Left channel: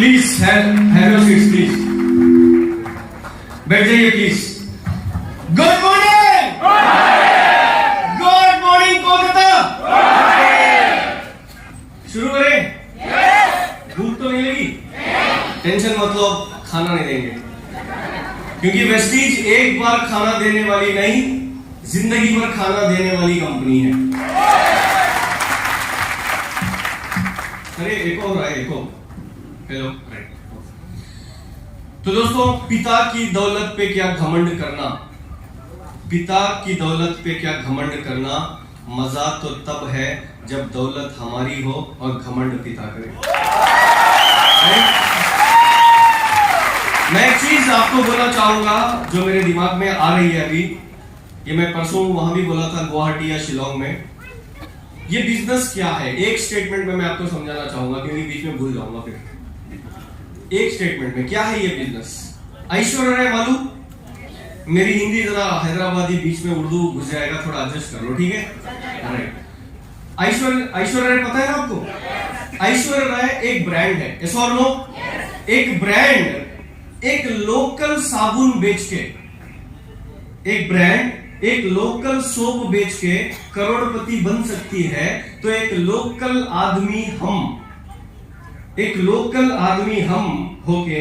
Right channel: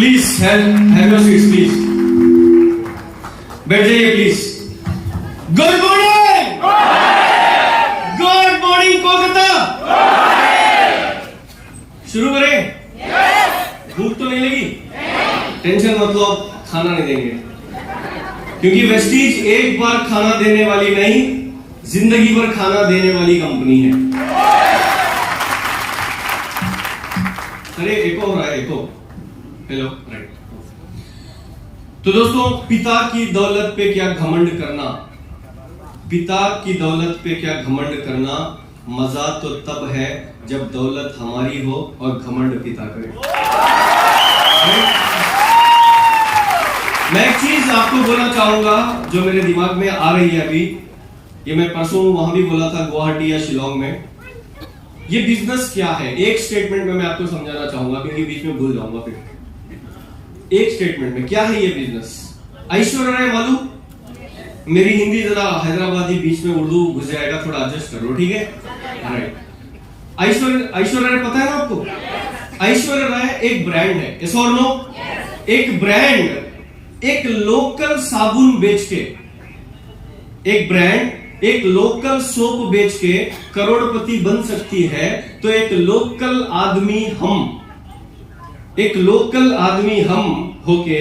Please have your seats please. बैठ जाइए please. Good morning. Good morning Kolkata. शुरू करें? भूख तो नहीं लगी? टेंशन मतलब खाना नहीं देंगे, क्योंकि वेस्टीज एक बार खाना देने वाली नहीं, जिंदगी भर खाना देने वाली कंपनी है। अरे एको हो रहा है, एको। Hello, right. तो दोस्तों, पिता की दौलत पे क्या घमंड करना, पिता की दौलत पे क्या घमंड करना, मजा तो तब है जब दौलत हमारी हो और घमंड पिता करे। मैं एक चीज आपको बोलना चाहूंगा जो मेरे दिमाग में आ रही है अभी, ये मैं परसों वहां भी बोला था, गुवाहाटी या शिलोंग में। ये बिजनेस क्या है, एक स्टेटमेंट में मैं आपको समझाना चाहूंगा, क्योंकि बीच में भूल जाऊंगा फिर। एक स्टेटमेंट में क्या है ये बिजनेस? ऐश्वर्या राय मालूम? मेरी हिंदी जरा हैदराबादी बीच में उर्दू घुस जाएगा, थोड़ा एडजस्ट कर लो, ठीक है? राइट। ऐश्वर्या राय पता है ना आपको? ऐश्वर्या राय एक ब्रांड है, यस और नो? एक ब्रांड एक लोकल साबुन बेच के, एक ब्रांड एक लोकल सोप बेच के करोड़पति बन सकती है, तो एक लोकल आदमी हम होके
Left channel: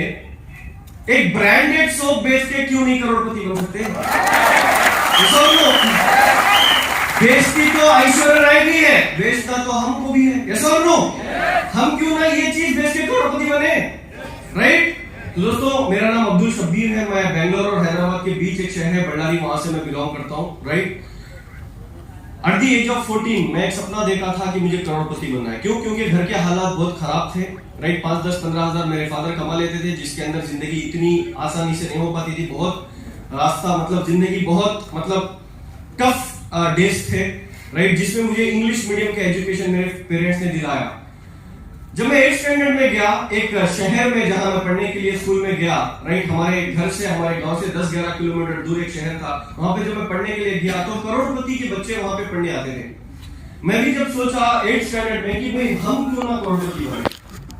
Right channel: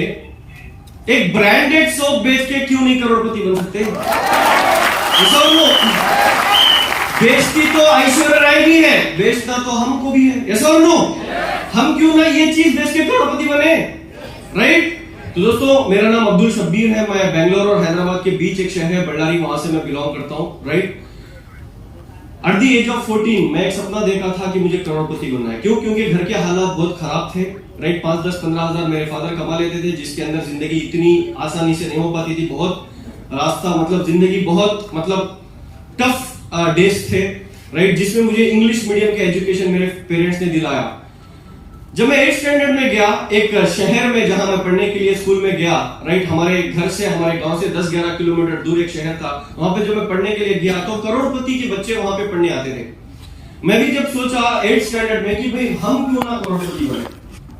एक ब्रांडेड सोप बेच के क्यों नहीं करोड़पति बन सकते? बेचती तो ऐश्वर्या राय भी है, बेचता तो हमको भी है, यस और नो? हम क्यों ना ये चीज बेच के करोड़पति बने? राइट। तो दोस्तों, मेरा नाम अब्दुल शब्बीर है, मैं बेंगलोर और हैदराबाद के बीच एक शहर है बल्लारी, वहां से मैं बिलोंग करता हूं। Right. At the age of 14 मैं एक सपना देखा था कि मुझे करोड़पति बनना है। क्यों? क्योंकि घर के हालात बहुत खराब थे। राइट। 5, 10, 15 हजार मेरे फादर कमा लेते थे, जिसके अंदर जिंदगी इतनी आसानी से नहीं हो पाती थी। बहुत रास्ता, मतलब जिंदगी बहुत टफ डेज थे। राइट। जिसमें मुझे इंग्लिश मीडियम के एजुकेशन मेरे पेरेंट्स ने दिलाया। जब मैं 8th स्टैंडर्ड में गया, एक शहर में जहां मैं पढ़ने के लिए स्कूल में गया, राइट, हमारे घर से, हमारे गांव से 10-11 किलोमीटर दूर एक शहर था। वहां पे जब मैं पढ़ने के लिए गया तो करोड़पति के बच्चे वहां पे पढ़ने आते थे। मैं भी जब सोचा 8th स्टैंडर्ड में कि भाई हम क्यों ना करोड़पति बने,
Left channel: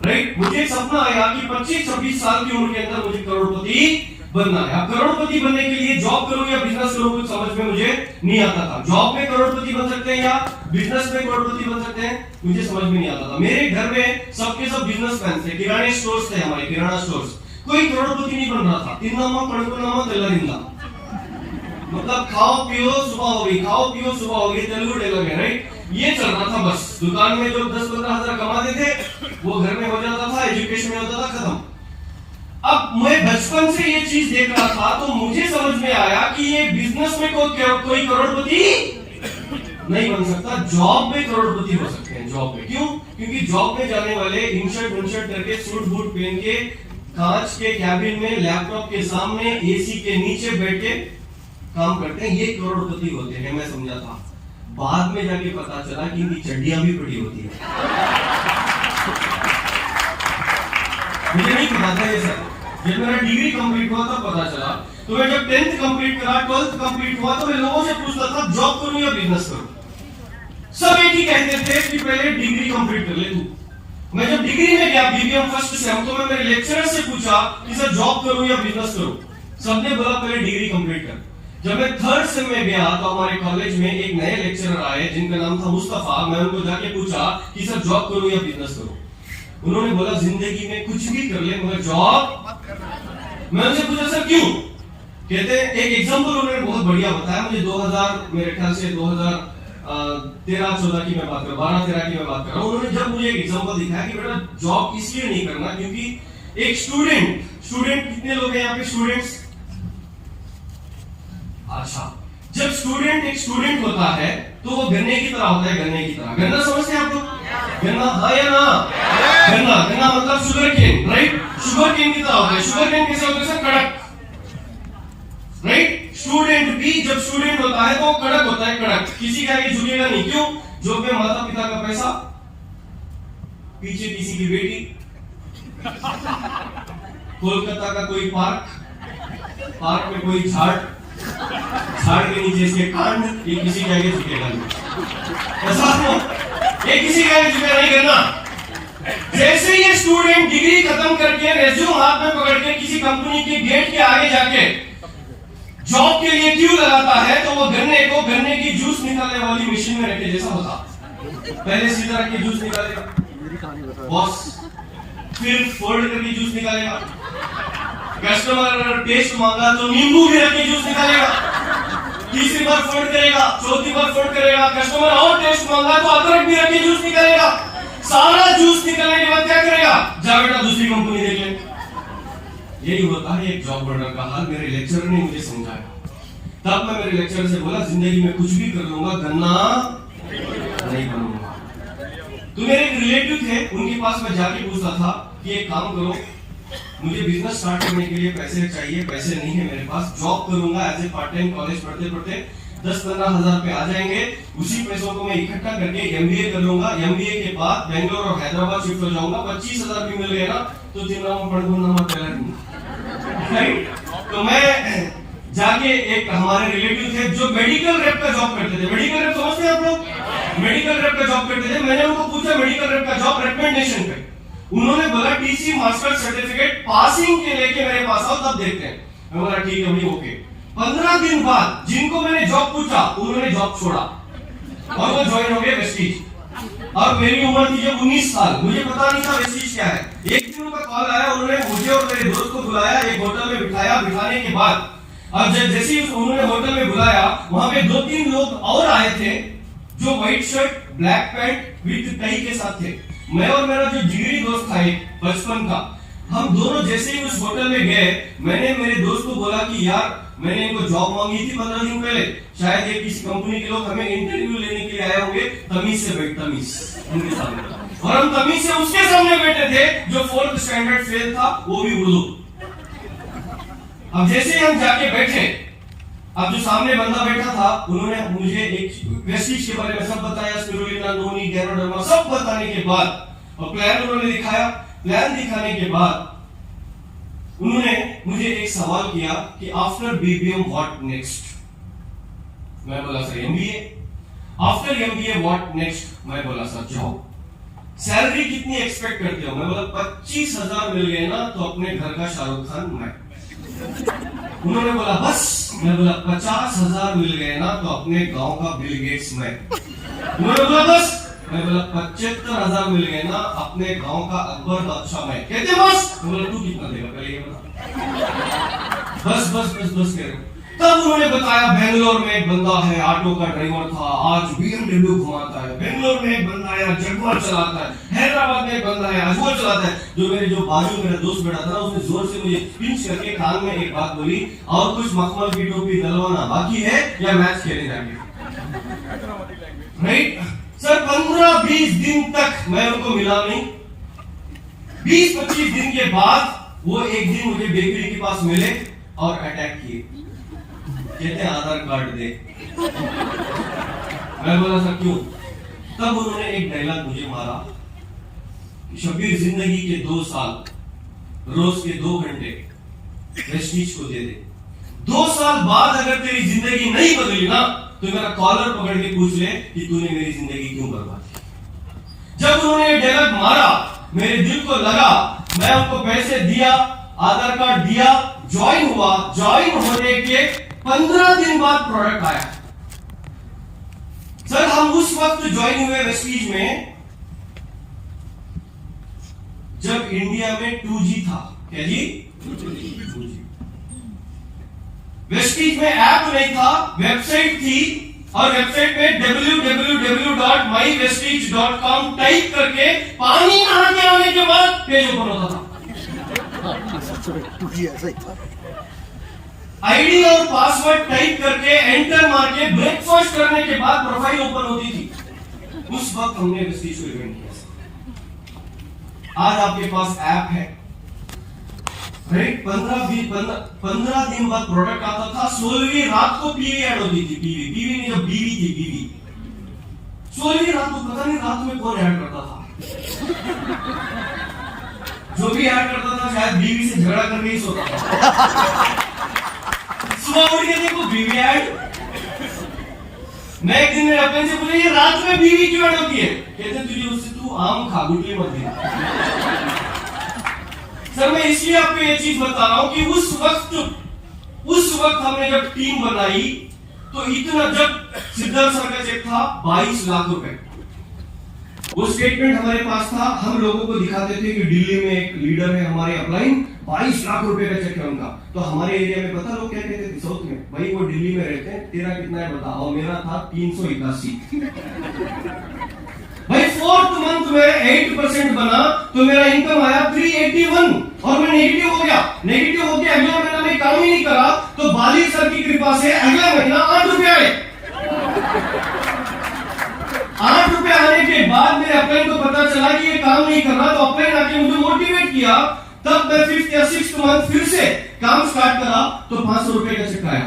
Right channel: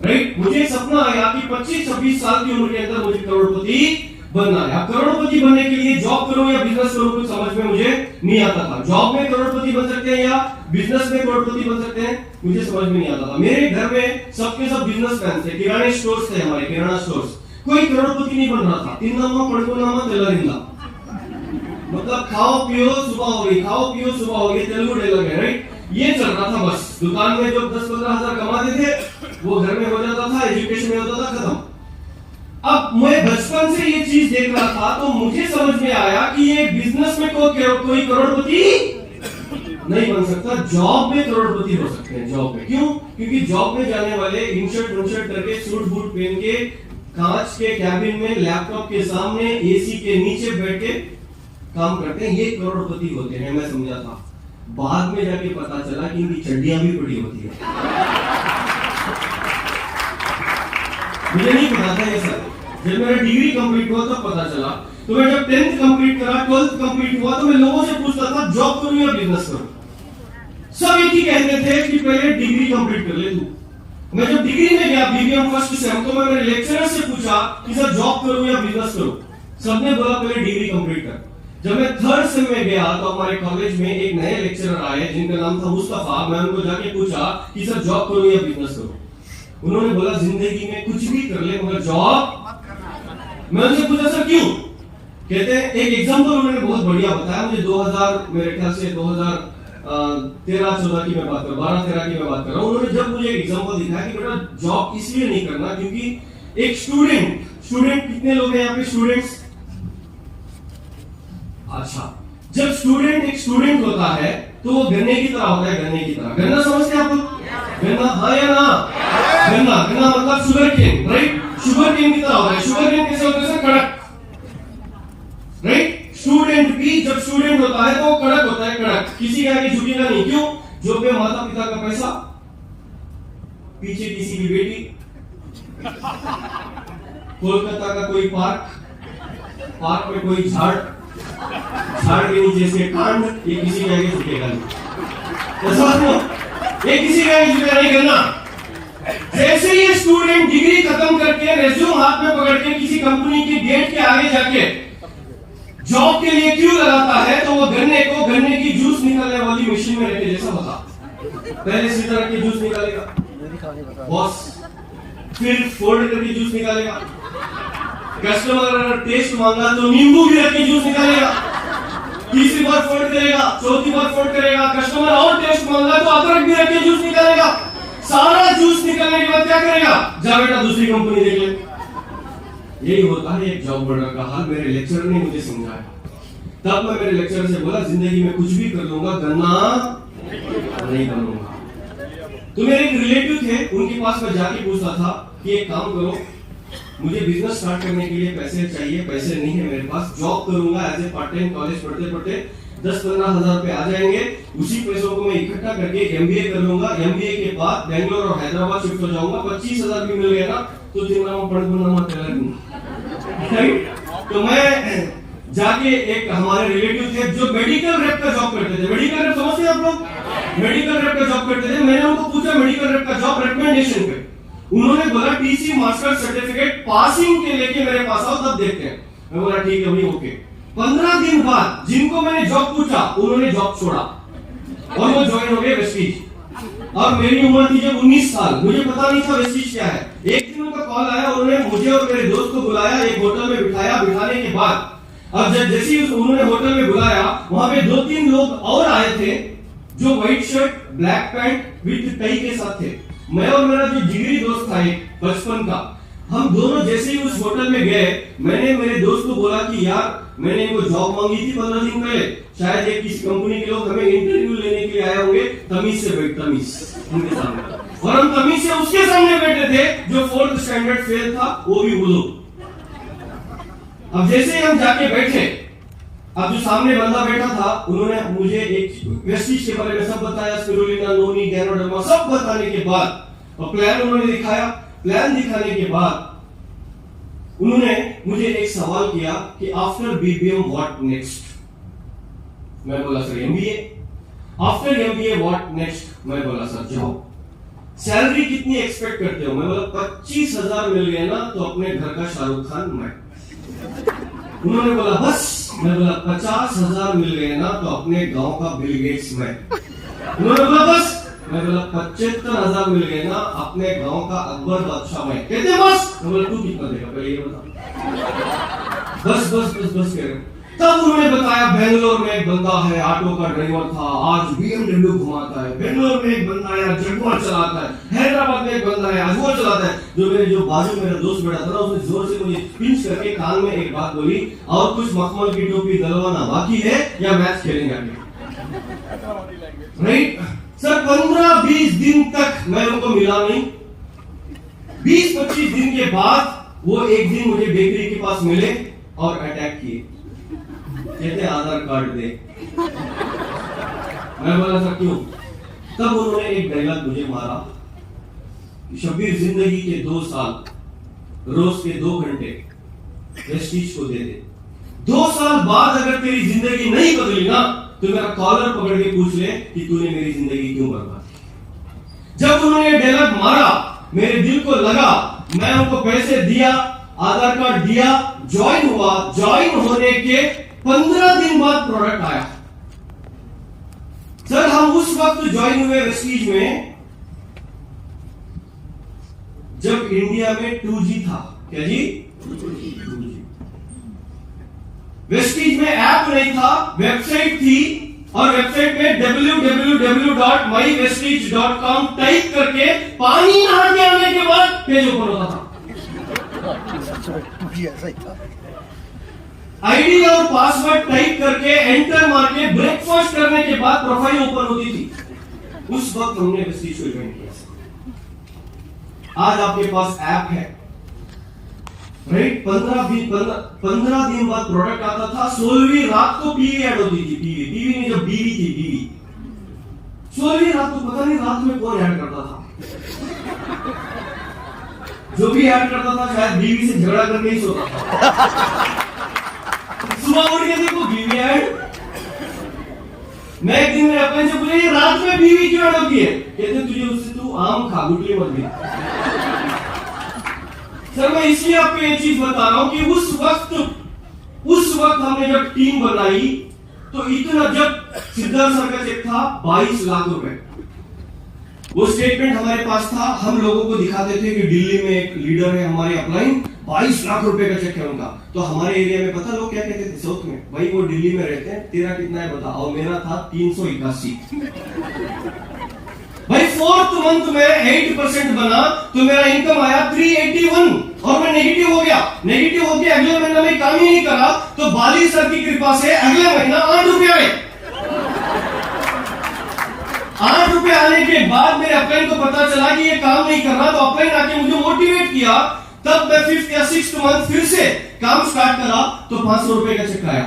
राइट, मुझे एक सपना आया कि 25-26 साल की उम्र के अंदर मुझे करोड़पति बनना है। अब करोड़पति बनने के लिए जॉब करूं या बिजनेस करूं, कुछ समझ में मुझे नहीं आता था। जॉब में करोड़पति बन सकते हैं या बिजनेस में करोड़पति बन सकते हैं, मुझे समझ में नहीं आता था। मेरे घर में सबके सब बिजनेसमैन थे, किराने स्टोर्स थे, हमारे किराना स्टोर्स। कोई करोड़पति नहीं बन रहा था। तिन्नामा कड़कुनामा तेलरिंदा, मतलब खाओ पियो सुबह हो गई, खाओ पियो सुबह हो गई, तेलुगु डायलॉग है। राइट। ये चल रहा था बस। दुकान में जो 10-15 हजार कमाते थे वो घर में हो जाता था, एजुकेशन में होता था, खत्म। अब मैं बचपन से ये चीज देख रहा था तो मुझे समझ में आया कि ये बिजनेस में कोई करोड़पति नहीं बन सकता, जॉब में करोड़पति हो सकते हैं। जॉब में क्यों? क्योंकि जॉब में जाने वाले इनशर्ट करके, सूट बूट पहन के, कांच के कैबिन में लैपटॉप के सामने एसी के नीचे बैठ के काम करते हैं, ये करोड़पति होते हैं। मैं समझा था, बाद में जाके पता चला कि इनकी चड्डियां भी बड़ी होती है। मुझे नहीं पता था ये सर। जब मेरा डिग्री कंप्लीट हुआ तब पता चला। तो मैं जब 10th कंप्लीट करा, 12th कंप्लीट हुआ, तो मैं लोगों से पूछता था जॉब करूं या बिजनेस करूं। सब एक ही कहते थे कि पहले डिग्री कंप्लीट कर ले तू। मैं जब डिग्री में गया, बीबीएम फर्स्ट सेम, तो मैं मेरे लेक्चरर से पूछा कि सर जॉब करूं या बिजनेस करूं। सबने बोला पहले डिग्री कंप्लीट कर। जब मैं 3rd सेम में गया तो हमारे कॉलेज में एक नए लेक्चरर आए जिनका नाम था मुस्तफा। मैं उनको जाके पूछा कि सर जॉब करूं या बिजनेस करूं। उन्होंने बोला जिंदगी में कुछ भी कर ले मगर जॉब। मैं उनसे पूछा सर क्यों? कहते हैं, एक एग्जांपल उन्होंने बहुत बढ़िया बताया मुझे। 2000 मेरे ख्याल से 2013-14 की मैं बात कर, 12-13 की मैं बात कर रहा हूँ। उन्होंने जब मुझे एक एग्जांपल दिखाया कि बेटा जॉब इसलिए नहीं करना क्योंकि एक स्टूडेंट कितने लोग हैं यहाँ पे स्टूडेंट्स? अच्छा, जब एक स्टूडेंट होता है तो वो गन्ने की तरह होता है, गन्ने की तरह। गन्ना समझते हैं आप लोग? गन्ना, हाँ या ना? गन्ना मतलब sugar cane, right? Sugar cane की तरह होता है। शुगर केन कैसे होता है सर? कड़क, राइट? स्टूडेंट भी जब स्टूडेंट होता है तो कड़क होता है, कड़क, किसी का आगे झुकेगा नहीं। क्यों? जो पे माता पिता का पैसा, पीछे किसी की बेटी, कोलकाता का कोई पार्क में कोई झाड़ के नीचे इसके कांड, ये किसी के आगे झुकेगा नहीं। ऐसा ये किसी के आगे झुकेगा नहीं। करना जैसे ही स्टूडेंट डिग्री खत्म करके रेज्यूम हाथ में पकड़ के किसी कंपनी के गेट के आगे जाके जॉब के लिए क्यों लगाता है, तो वो गन्ने की जूस निकालने वाली मशीन में रखे जैसा होता। पहले सीधा रख के जूस निकालेगा बॉस, फिर फोल्ड करके जूस निकालेगा। कस्टमर अगर टेस्ट मांगा तो नींबू भी रख के जूस निकालेगा। तीसरी बार फोल्ड करेगा, चौथी बार फोल्ड करेगा। कस्टमर और टेस्ट मांगा तो अदरक भी रख के जूस निकालेगा। सारा जूस निकालने के बाद क्या करेगा, जा बेटा दूसरी कंपनी देख ले। यही होता है एक जॉब होल्डर का हाल। मेरे लेक्चरर ने मुझे समझाया, तब मैं मेरे लेक्चरर से बोला जिंदगी में कुछ भी कर लूंगा, गन्ना नहीं बनूंगा। तो मेरे एक रिलेटिव थे, उनके पास मैं जाके पूछता था कि एक काम करो, मुझे बिजनेस स्टार्ट करने के लिए पैसे चाहिए, पैसे नहीं है मेरे पास, जॉब करूंगा as a part time, college पढ़ते पढ़ते 10-15 हजार रुपए आ जाएंगे, उसी पैसों को मैं इकट्ठा करके एमबीए कर लूंगा। एमबीए के बाद बेंगलोर और हैदराबाद शिफ्ट हो जाऊंगा। 25,000 भी मिल गए ना तो तो मैं जाके, एक हमारे रिलेटिव थे जो मेडिकल रेप का जॉब करते थे। मेडिकल रेप समझते हैं आप लोग? मेडिकल रेप का जॉब करते थे। मैंने उनको पूछा मेडिकल रेप का जॉब रिकमेंडेशन पे, उन्होंने बोला टीसी मास्टर सर्टिफिकेट पासिंग के लेके मेरे पास आओ तब देखते हैं। मैं बोला ठीक है भाई, ओके। 15 दिन बाद जिनको मैंने जॉब पूछा उन्होंने जॉब छोड़ा और वो ज्वाइन हो गए वेस्टीज। अब मेरी उम्र थी जब 19 साल, मुझे पता नहीं था वेस्टीज क्या है। एक दिन उनका कॉल आया, उन्होंने मुझे और मेरे दोस्त को बुलाया, एक होटल में बिठाया। बिठाने के बाद अब जैसे ही उन्होंने होटल में बुलाया, वहां पे 2-3 लोग और आए थे जो white shirt black pant with tie के साथ थे। मैं और मेरा जो जिगरी दोस्त था एक बचपन का, हम दोनों जैसे ही उस होटल में गए, मैंने मेरे दोस्त को बोला कि यार मैंने इनको जॉब मांगी थी 15 दिन पहले, शायद ये किसी कंपनी के लोग हमें इंटरव्यू लेने के लिए आए होंगे, तमीज से बैठ, तमीज उनके सामने। और हम तमीज से उसके सामने बैठे थे जो 4th स्टैंडर्ड फेल था, वो भी बोलो। अब जैसे ही हम जाके बैठे, अब जो सामने बंदा बैठा था उन्होंने मुझे एक वेस्टीज के बारे में सब बताया, स्पिरुलिना, नोनी, गैनोडर्मा सब बताने के बाद और प्लान उन्होंने दिखाया। प्लान दिखाने के बाद उन्होंने मुझे एक सवाल किया कि आफ्टर बीबीएम व्हाट नेक्स्ट। मैं बोला sir MBA. After MBA what next. मैं बोला सर जॉब। सैलरी कितनी एक्सपेक्ट करते हो? मैं बोला 25,000 मिल गए ना तो अपने घर का शाहरुख खान मैं। उन्होंने बोला बस। मैं बोला 50,000 मिल गए ना तो अपने गांव का बिल गेट्स मैं। उन्होंने बोला बस। मैं बोला 75,000 मिल गए ना अपने गांव का अकबर बादशाह मैं। कहते बस। मैं बोला तू कितना देगा पहले ये बता। बस बस बस बस कह रहे। तब उन्होंने बताया बेंगलोर में एक बंदा है, ऑटो का ड्राइवर था, आज BMW घुमाता है। बेंगलोर में एक बंदा है, जगुआर चलाता है। हैदराबाद में एक बंदा है, अजूर चलाता है। जो बाजू मेरा दोस्त बैठा था ना, उसने जोर से मुझे पिंच करके कान में एक बात बोली, और कुछ मखमल की टोपी दलवाना बाकी है या मैच खेलेंगे आगे, राइट सर। 15-20 दिन तक मैं उनको मिला नहीं। 20-25 दिन के बाद वो एक दिन मुझे बेकरी के पास मिले और अटैक किए। कहते आधार कार्ड दे। मैं बोला सर क्यों? तब उन्होंने एक डायलॉग मुझे मारा, शब्बीर जिंदगी के 2 साल रोज के 2 घंटे वेस्टीज को दे दे। 2 साल बाद अगर तेरी जिंदगी नहीं बदली ना तो मेरा कॉलर पकड़ के पूछ ले कि तूने मेरी जिंदगी क्यों बर्बाद की। जब उन्होंने डायलॉग मारा मेरे दिल को लगा। मैं उनको पैसे दिया, आधार कार्ड दिया, ज्वाइन हुआ। ज्वाइन होने के 15 दिन बाद प्रोडक्ट आया। सर हम उस वक्त ज्वाइन हुए वेस्टीज में जब इंडिया में 2G था। क्या जी? 2G। वेस्टीज में ऐप नहीं था, वेबसाइट थी, और वेबसाइट में www.mywestige.com टाइप करके पानी नहाने आने के बाद पेज ओपन होता था। आईडी और पासवर्ड टाइप करके एंटर मार के ब्रेकफास्ट करने के बाद प्रोफाइल ओपन होती थी। उस वक्त हमने वेस्टीज को इवेंट किया। आज आपके पास ऐप है, राइट। 15 दिन बाद प्रोडक्ट आता था। 16वीं रात को पीवी ऐड होती थी। पीवी नहीं, जब बीवी थी बीवी। 16वीं रात को पता नहीं रात में कौन ऐड करता था। जो भी ऐड करता था शायद बीवी से झगड़ा करके ही सोता था। सुबह उठ के देखो बीवी ऐड। मैं एक दिन मेरे अपने से पूछा ये रात में बीवी क्यों ऐड होती है? कहते तुझे उससे तू आम खा, गुटली मत गिन। सर मैं इसलिए आपको ये चीज बता रहा हूं कि उस वक्त हमने जब टीम बनाई तो इतना, जब सिद्धार्थ सर का चेक था 22 लाख रुपए, वो स्टेटमेंट हमारे पास था, हम लोगों को दिखाते थे कि दिल्ली में एक लीडर है हमारे अपलाइन, 22 लाख रुपए का चेक है उनका। तो हमारे एरिया में पता लोग क्या कहते थे साउथ में, भाई वो दिल्ली में रहते हैं, तेरा कितना है बता। और मेरा था 381। भाई 4th मंथ में 8% बना तो मेरा इनकम आया 381 और मैं नेगेटिव हो गया। नेगेटिव होकर अगले महीना में काम ही नहीं करा तो बाली सर की कृपा से अगले महीना 8 रुपए आए। 8 रुपए आने के बाद मेरे अपलाइन को पता चला कि ये काम नहीं कर रहा, तो अपलाइन आके मुझे मोटिवेट किया। तब मैं 5th या 6th मंथ फिर से काम स्टार्ट करा तो 500 रुपए का चेक आया।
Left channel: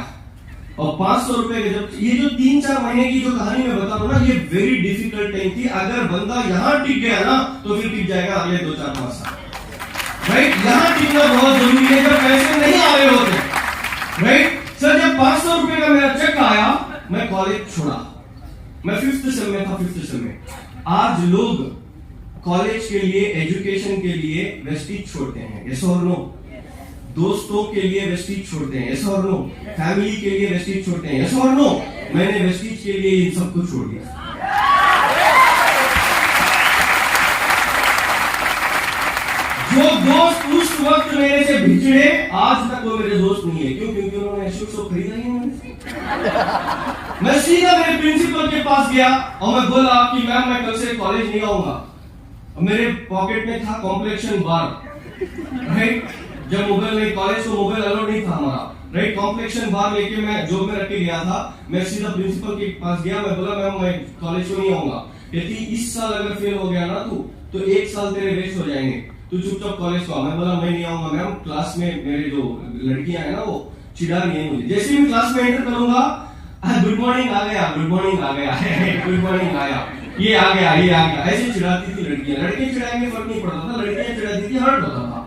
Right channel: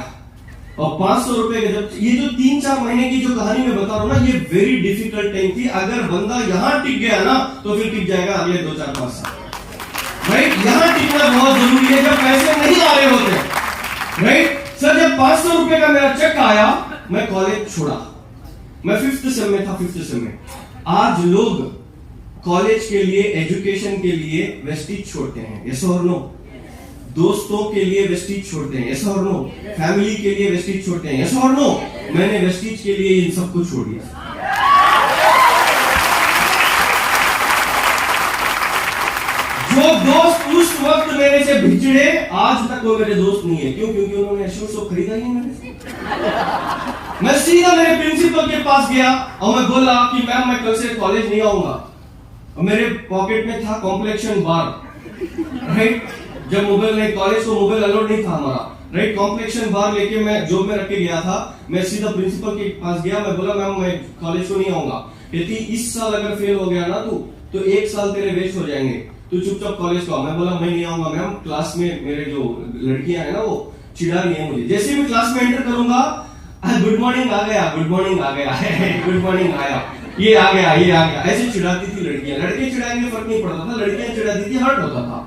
और 500 रुपए का जब, ये जो 3-4 महीने की जो कहानी मैं बता रहा हूं ना, ये वेरी डिफिकल्ट टाइम थी। अगर बंदा यहां टिक गया ना तो फिर टिक जाएगा अगले 2-4-5 साल। राइट, यहां टिकना बहुत जरूरी है जब पैसे नहीं आ रहे होते। राइट सर, जब 500 रुपए का मेरा चेक आया मैं कॉलेज छोड़ा। मैं 5th सेम में था, 5th सेम में। आज लोग कॉलेज के लिए, एजुकेशन के लिए वेस्टीज छोड़ते हैं, यस और नो? दोस्तों के लिए वेस्टीज छोड़ते हैं, यस और नो? फैमिली के लिए वेस्टीज छोड़ते हैं, यस और नो? मैंने वेस्टीज के लिए इन सबको छोड़ दिया। जो दोस्त उस वक्त मेरे से बिछड़े, आज तक वो मेरे दोस्त नहीं है। क्यों? क्योंकि उन्होंने एश्योर खरीदा ही नहीं। मैं सीधा मेरे प्रिंसिपल के पास गया और मैं बोला कि मैम मैं कल से कॉलेज नहीं आऊंगा। और मेरे पॉकेट में था कॉम्प्लेक्शन बार। राइट, जब मोबाइल नहीं, कॉलेज को मोबाइल अलाउड नहीं था हमारा। राइट, कॉम्प्लेक्शन बार लेके मैं जॉब में रख के गया था। मैं सीधा प्रिंसिपल के पास गया, मैं बोला मैम मैं कॉलेज को नहीं आऊंगा। कहती इस साल अगर फेल हो गया ना तू तो 1 साल तेरे वेस्ट हो जाएंगे, तू चुपचाप कॉलेज को आ। मैं बोला मैं नहीं आऊंगा मैम, क्लास में मेरे जो लड़कियां है ना वो चिढ़ा रही है मुझे। जैसे मैं क्लास में एंटर करूंगा, गुड मॉर्निंग आ गया, गुड मॉर्निंग आ गया, गुड मॉर्निंग आया, ये आ गया, ये आ गया, ऐसे चिढ़ाती थी लड़कियां। लड़के चिढ़ाएंगे फर्क नहीं पड़ता था, लड़कियां चिढ़ाती थी हर्ट होता था।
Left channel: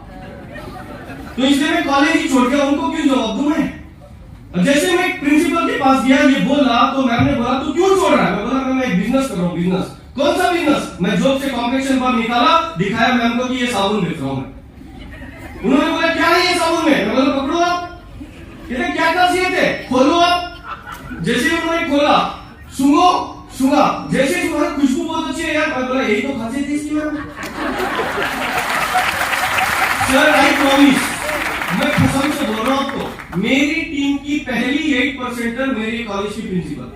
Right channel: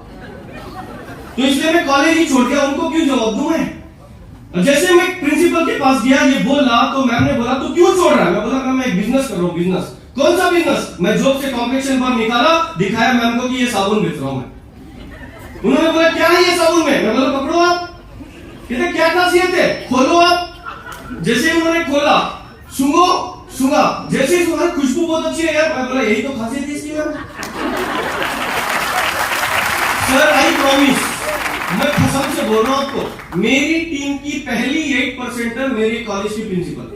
तो इसलिए मैं कॉलेज ही छोड़ गया, उनको क्यों जवाब दूं मैं। जैसे मैं प्रिंसिपल के पास गया, ये बोला तो मैम ने बोला तू क्यों छोड़ रहा है? मैं बोला मैं एक बिजनेस कर रहा हूँ। बिजनेस? कौन सा बिजनेस? मैं जॉब से कॉम्प्लेक्शन बार निकाला, दिखाया मैम को कि ये साबुन बेच रहा हूं मैं। उन्होंने बोला क्या है ये साबुन में? मैं बोला पकड़ो आप। कहते क्या खासियत है? खोलो आप। जैसे उन्होंने खोला, सूंघा, जैसे तुम्हारी खुशबू बहुत अच्छी है यार। मैं बोला यही तो खासियत है इसकी मैम। सर आई प्रॉमिस, मैं कसम से बोल रहा हूं आपको, मेरी टीम की पहली 8% मेरे कॉलेज की प्रिंसिपल।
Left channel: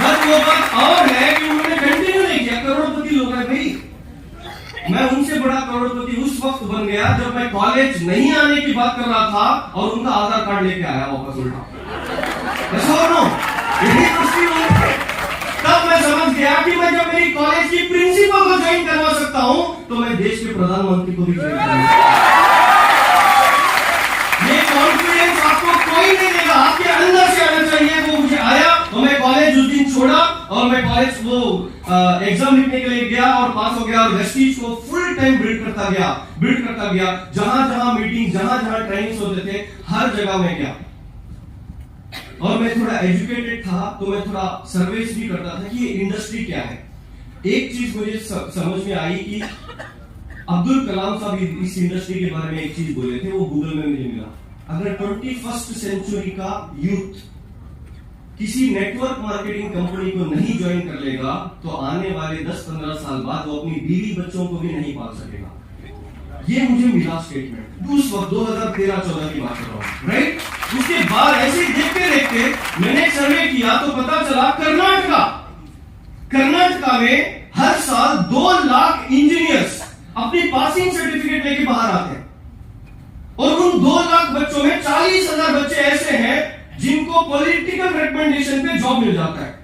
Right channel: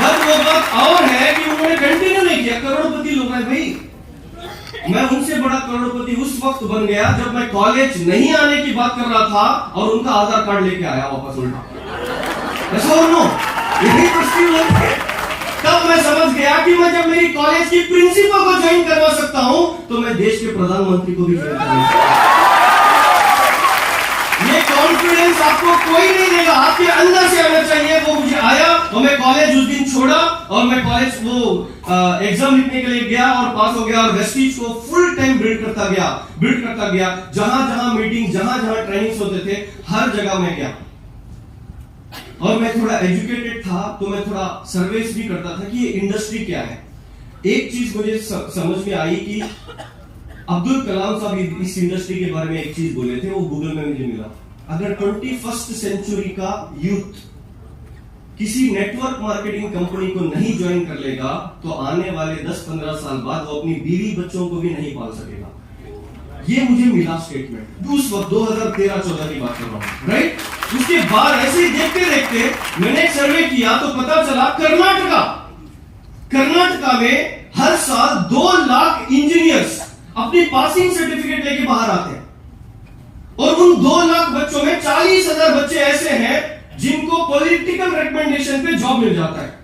बस वो बात और है कि उन्होंने कंटिन्यू नहीं किया। करोड़पति लोग हैं भाई, मैं उनसे बड़ा करोड़पति उस वक्त बन गया जब मैं कॉलेज नहीं आने की बात कर रहा था और उनका आधार कार्ड लेके आया वापस उल्टा। यही तब मैं समझ गया कि मैं जब मेरी कॉलेज की प्रिंसिपल को ज्वाइन करवा सकता हूं तो मैं देश के प्रधानमंत्री को भी ज्वाइन करवा सकता हूं। ये कॉन्फिडेंस आपको कोई नहीं देगा, आपके अंदर से आना चाहिए। वो मुझे आया और मैं कॉलेज उस दिन छोड़ा और मैं कॉलेज वो एग्जाम लिखने के लिए गया और पास हो गया और वेस्टीज को फुल टाइम बिल्ड करता गया। जहां जहां मीटिंग, जहां जहां ट्रेनिंग्स होते थे, हर जगह मैं गया। और मैं थोड़ा एजुकेटेड था तो मैं थोड़ा सर्वेस भी करता था कि ये इंडस्ट्री क्या है। एक चीज मुझे समझ में आई कि अब्दुल कलाम साहब इस इंडस्ट्री के बारे में एक चीज बोले थे, वो गूगल में मुझे मिला। अगर 21st सेंचुरी का यूथ किसी नेटवर्क मार्केटिंग कंपनी को नहीं ज्वाइन कर लेगा तो आने वाले 10-15 साल बाद वो अपनी बीवी बच्चों को भी नहीं पाल सकेगा। ये मुझे मिला स्टेटमेंट उस वक्त 2013-14 की बात कर रहा हूं। राइट, उसके बाद ऐसे ही देखते देखते मैंने एक सर्वे किया तो पता चला कर्नाटका में हर साल 2 लाख इंजीनियर्स अपनी पासिंग सर्टिफिकेट लेके बाहर आते हैं और उन 2 लाख बच्चों में 40,000 बच्चे ऐसे हैं जिनको पॉलिटिकल रिकमेंडेशन पे जॉब मिल जाता है।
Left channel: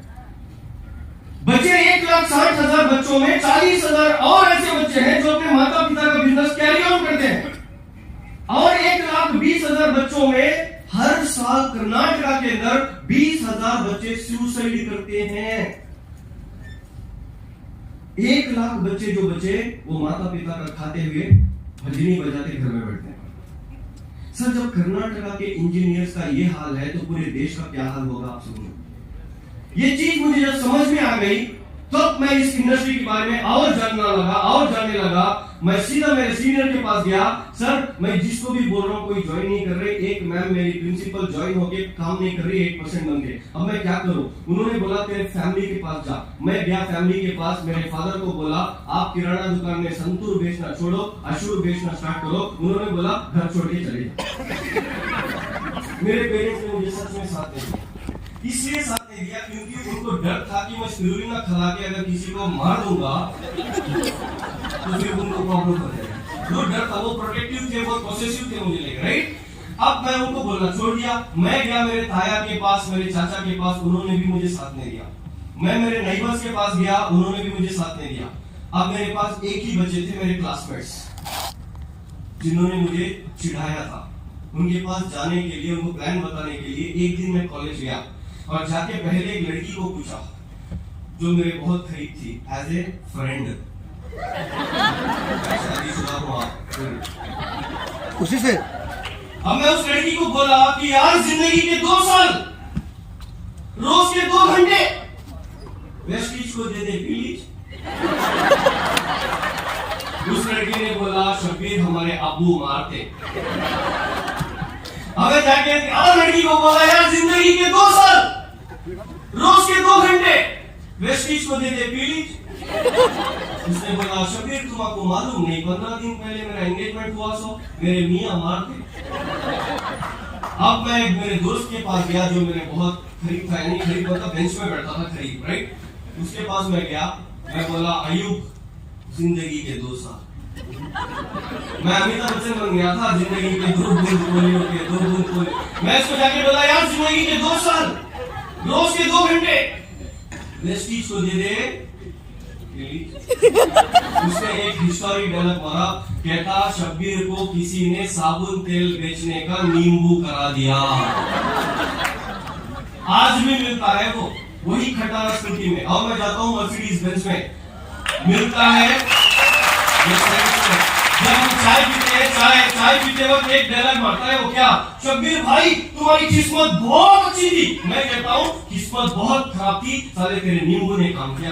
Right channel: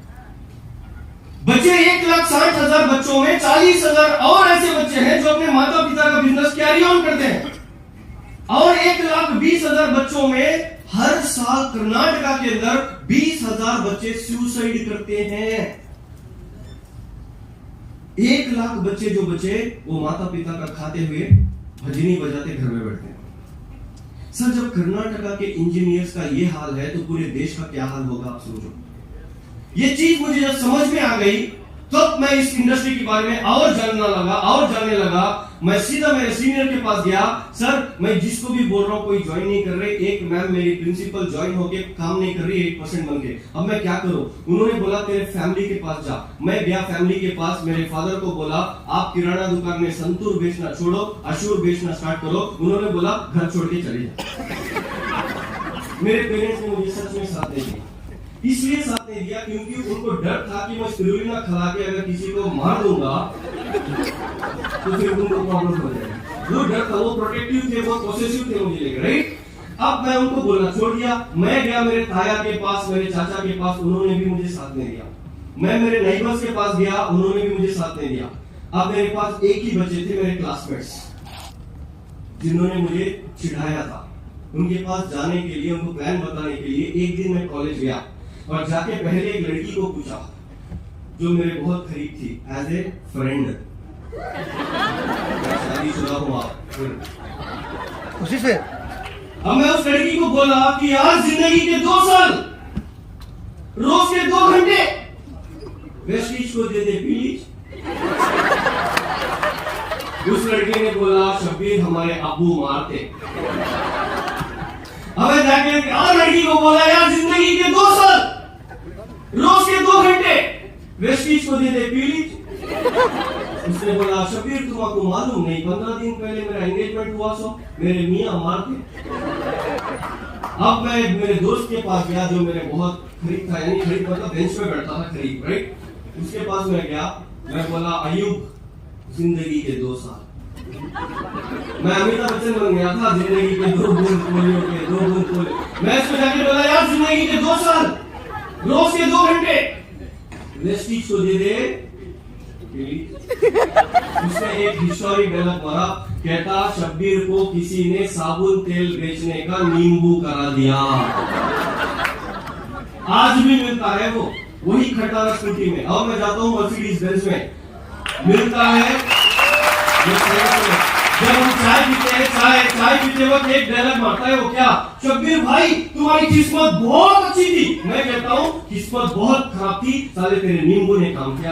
बच्चे 1,60,000 बच्चों में 40,000 और ऐसे बच्चे हैं जो अपने माता पिता का बिजनेस कैरी ऑन करते हैं और 1,20,000 बच्चों में हर साल कर्नाटका के अंदर 20,000 बच्चे सुसाइड करते हैं। 1 लाख बच्चे जो बचे वो माता पिता का खाते हुए भजनी बजाते घर में बैठते हैं। सर, जब कर्नाटका के इंजीनियर्स का ये हाल है तो पूरे देश का क्या हाल होगा आप सोचो। ये चीज मुझे जब समझ में आ गई तब मैं इस इंडस्ट्री के बारे में और जानने लगा। मैं सीधा मेरे सीनियर के पास गया, सर मैं जिसको भी बोल रहा हूँ कोई ज्वाइन नहीं कर रहे, एक मैम मेरी प्रिंसिपल ज्वाइन होके काम नहीं कर रही 8% बन के, अब मैं क्या करूं? उन्होंने बोला तेरे फैमिली के पास जा। मैं गया फैमिली के पास, मेरे फादर को बोला आप किराना दुकान में संतूर बेचना छोड़ो, अशूर बेचना स्टार्ट करो। उन्होंने बोला घर छोड़ के चले जाओ। मेरे पेरेंट्स ने मुझे सच में साथ नहीं दिया, इसलिए साथ नहीं दिया क्योंकि उनको डर था कि मैं स्पिरुलिना खिला के अगर किसी को मार दूंगा तो फिर उनको प्रॉब्लम हो जाएगा। जो डर था वो प्रोटेक्टिव थे, वो पॉसेसिव थे मुझे लेकर, राइट। अब मैं उनको बोलना छोड़ दिया। मैं गया मेरे ताया के पास, मेरे चाचा के पास, उन्होंने भी मुझे साथ नहीं दिया। मैं मेरे नेबर्स के पास गया, उन्होंने भी मुझे साथ नहीं दिया। अब मेरे पास एक ही बच्चे थे, मेरे क्लासमेट्स, जिन्होंने मुझे चिढ़ाया था। उनके पास जाने के लिए, उनको प्लान बताने के लिए एक दिन मैं कॉलेज गया और जाके पहले एक लड़की को पूछा जो मेरे बहुत करीब थी, एज ए फ्रेंड। शादीशुदा हूं आप, उसी से अब मैं उस लड़की को बोला कि यार जिंदगी के 2 साल, रोज के 2 घंटे वेस्टीज को दे दे प्लीज। उस लड़की ने बोला शब्बीर हमारे अब्बू मारते। हमें जाके और लड़की को बोला यार जिंदगी के 2 साल, रोज के 2 घंटे वेस्टीज को दे दे प्लीज। उसने बोला शब्बीर तुमको मालूम नहीं 15 दिन पहले मेरा एंगेजमेंट हुआ, सो मेरे मियां मारते। अब मैं मेरे दोस्त के पास गया जो मेरे बहुत करीब था, यानी करीब मतलब बेंच पे बैठता था करीब, राइट। उसके पास मैं गया, मैं बोला अयूब जिंदगी के 2 साल। मैं अमिताभ बच्चन बन गया था, जिंदगी के 2 बूंद पोलियो के 2 बूंद पोलियो। मैं उसको जाके बोला यार जिंदगी के 2 साल, रोज के 2 घंटे वेस्टीज को दे दे। उसने एक हिस्टोरिक डायलॉग मारा, कहता शब्बीर को किसी ने साबुन तेल बेचने का नींबू करा दिया। आज भी मिलता है वो, वही खटारा स्कूटी में। और मैं जाता हूँ मर्सिडीज बेंज में, मिलता है। जब हम चाय पीते हैं, चाय पीते वक्त एक डायलॉग मारता है, वो क्या, शब्बीर भाई तुम्हारी किस्मत बहुत अच्छी थी। मैं कहता हूँ किस्मत बहुत खराब थी, साले तेरे नींबू ने काम किया।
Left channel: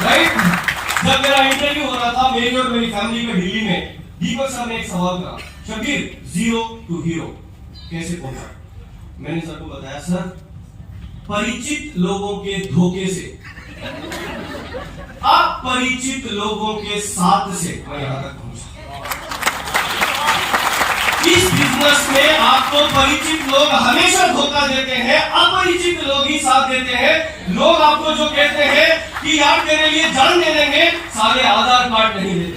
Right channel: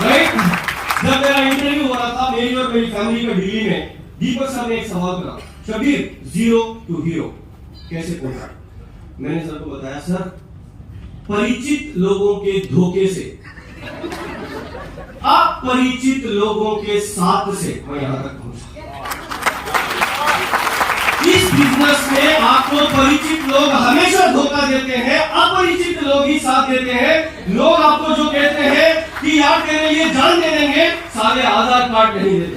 राइट। जब मेरा इंटरव्यू हो रहा था मेरी और मेरी फैमिली का दिल्ली में, दीपक सर ने एक सवाल करा, शब्बीर 0 to हीरो कैसे पहुंचा? मैंने सर को बताया सर परिचित लोगों के धोखे से, अपरिचित लोगों के साथ से मैं यहां तक पहुंचा। इस बिजनेस में आपको परिचित लोग हमेशा धोखा देते हैं, अपरिचित लोग ही साथ देते हैं। लोग आपको जो कहते हैं कि यार तेरे लिए जान दे देंगे, सारे आधार कार्ड नहीं देते।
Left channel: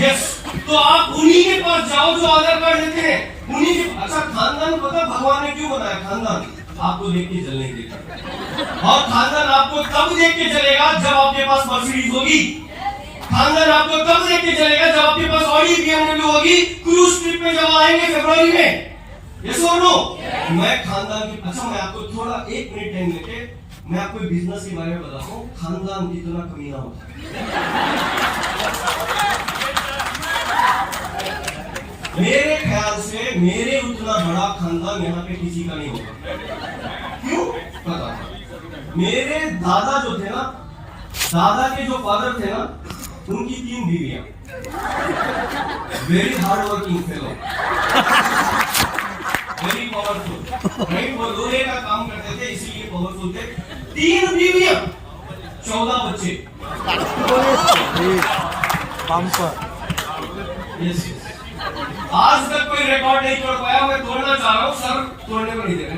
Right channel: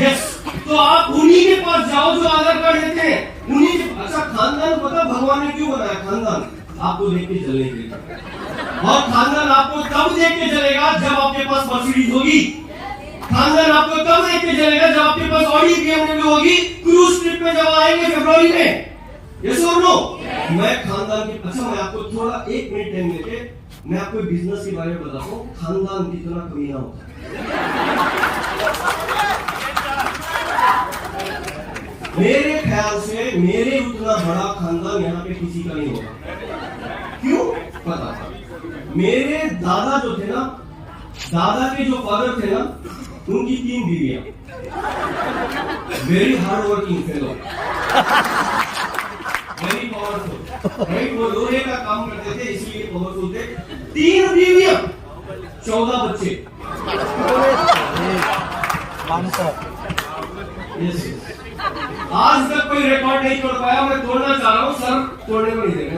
यस, तो आप उन्हीं के पास जाओ जो आधार कार्ड देते हैं, उन्हीं के। अच्छा खानदान पता भगवान ने क्यों बनाया? खानदान आपको देख के जलने देगा, और खानदान आपको तब देख के जलेगा जब आपके पास मर्सिडीज होगी। खानदान आपको तब देख के जलेगा जब आपके पास ऑडी BMW होगी, क्रूज ट्रिप में जब आएंगे फरवरी में। यस और नो? मैं खानदान की, अच्छा मैं आपको थोड़ा 1 मिनट टाइम लेके मैं आपको बिजनेस के बारे में बताता हूँ, खानदान कितना कमीना होता है। मेरे ख्याल से मेरे उतना बड़ा खानदान यहाँ पे किसी का नहीं होगा। क्यों? पता, मेरे दादा जो थे ना, दादा के जो फादर थे ना, उनकी 3 बीवियां, very hard working fellow, very powerful, right. वो लोहे का काम करते थे इसलिए पावरफुल थे। 3 बीवियां, 14 बच्चे। यस, आज तक कोई रिकॉर्ड नहीं तोड़ पाया। मैं तोड़ना चाह रहा हूं, सर तोड़ने को नहीं दे रहे।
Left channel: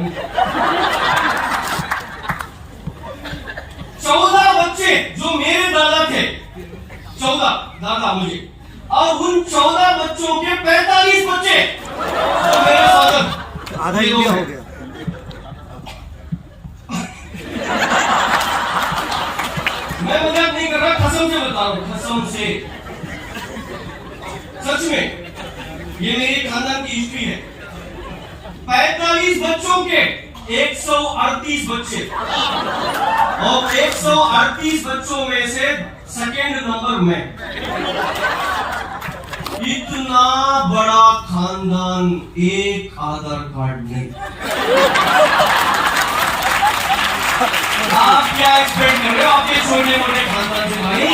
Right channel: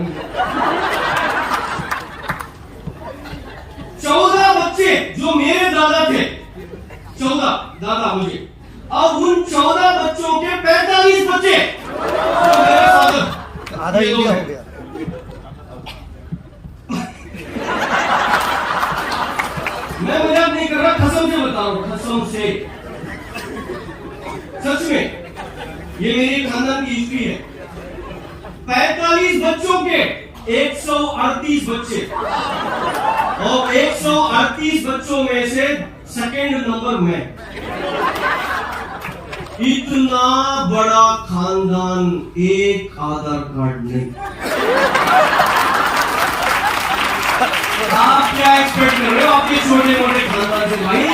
14 बच्चे जो मेरे दादा थे, 14 दादा मुझे, और उन 14 बच्चों के 45 बच्चे जो मेरे फादर, आधा इंडिया हो गया। मैं मजाक नहीं कर रहा, कसम से बता रहा हूं, कसम से, सच में। ये मेरी खानदान की हिस्ट्री है। 45 बच्चों के 138 बच्चे, और 138 बच्चों में से सेकेंड नंबर में। इतना बड़ा खानदान, एक आधार कार्ड नहीं। आप क्या एक्सपेक्ट कर रहे हो आपके छोटे मोटे खानदान से भाई?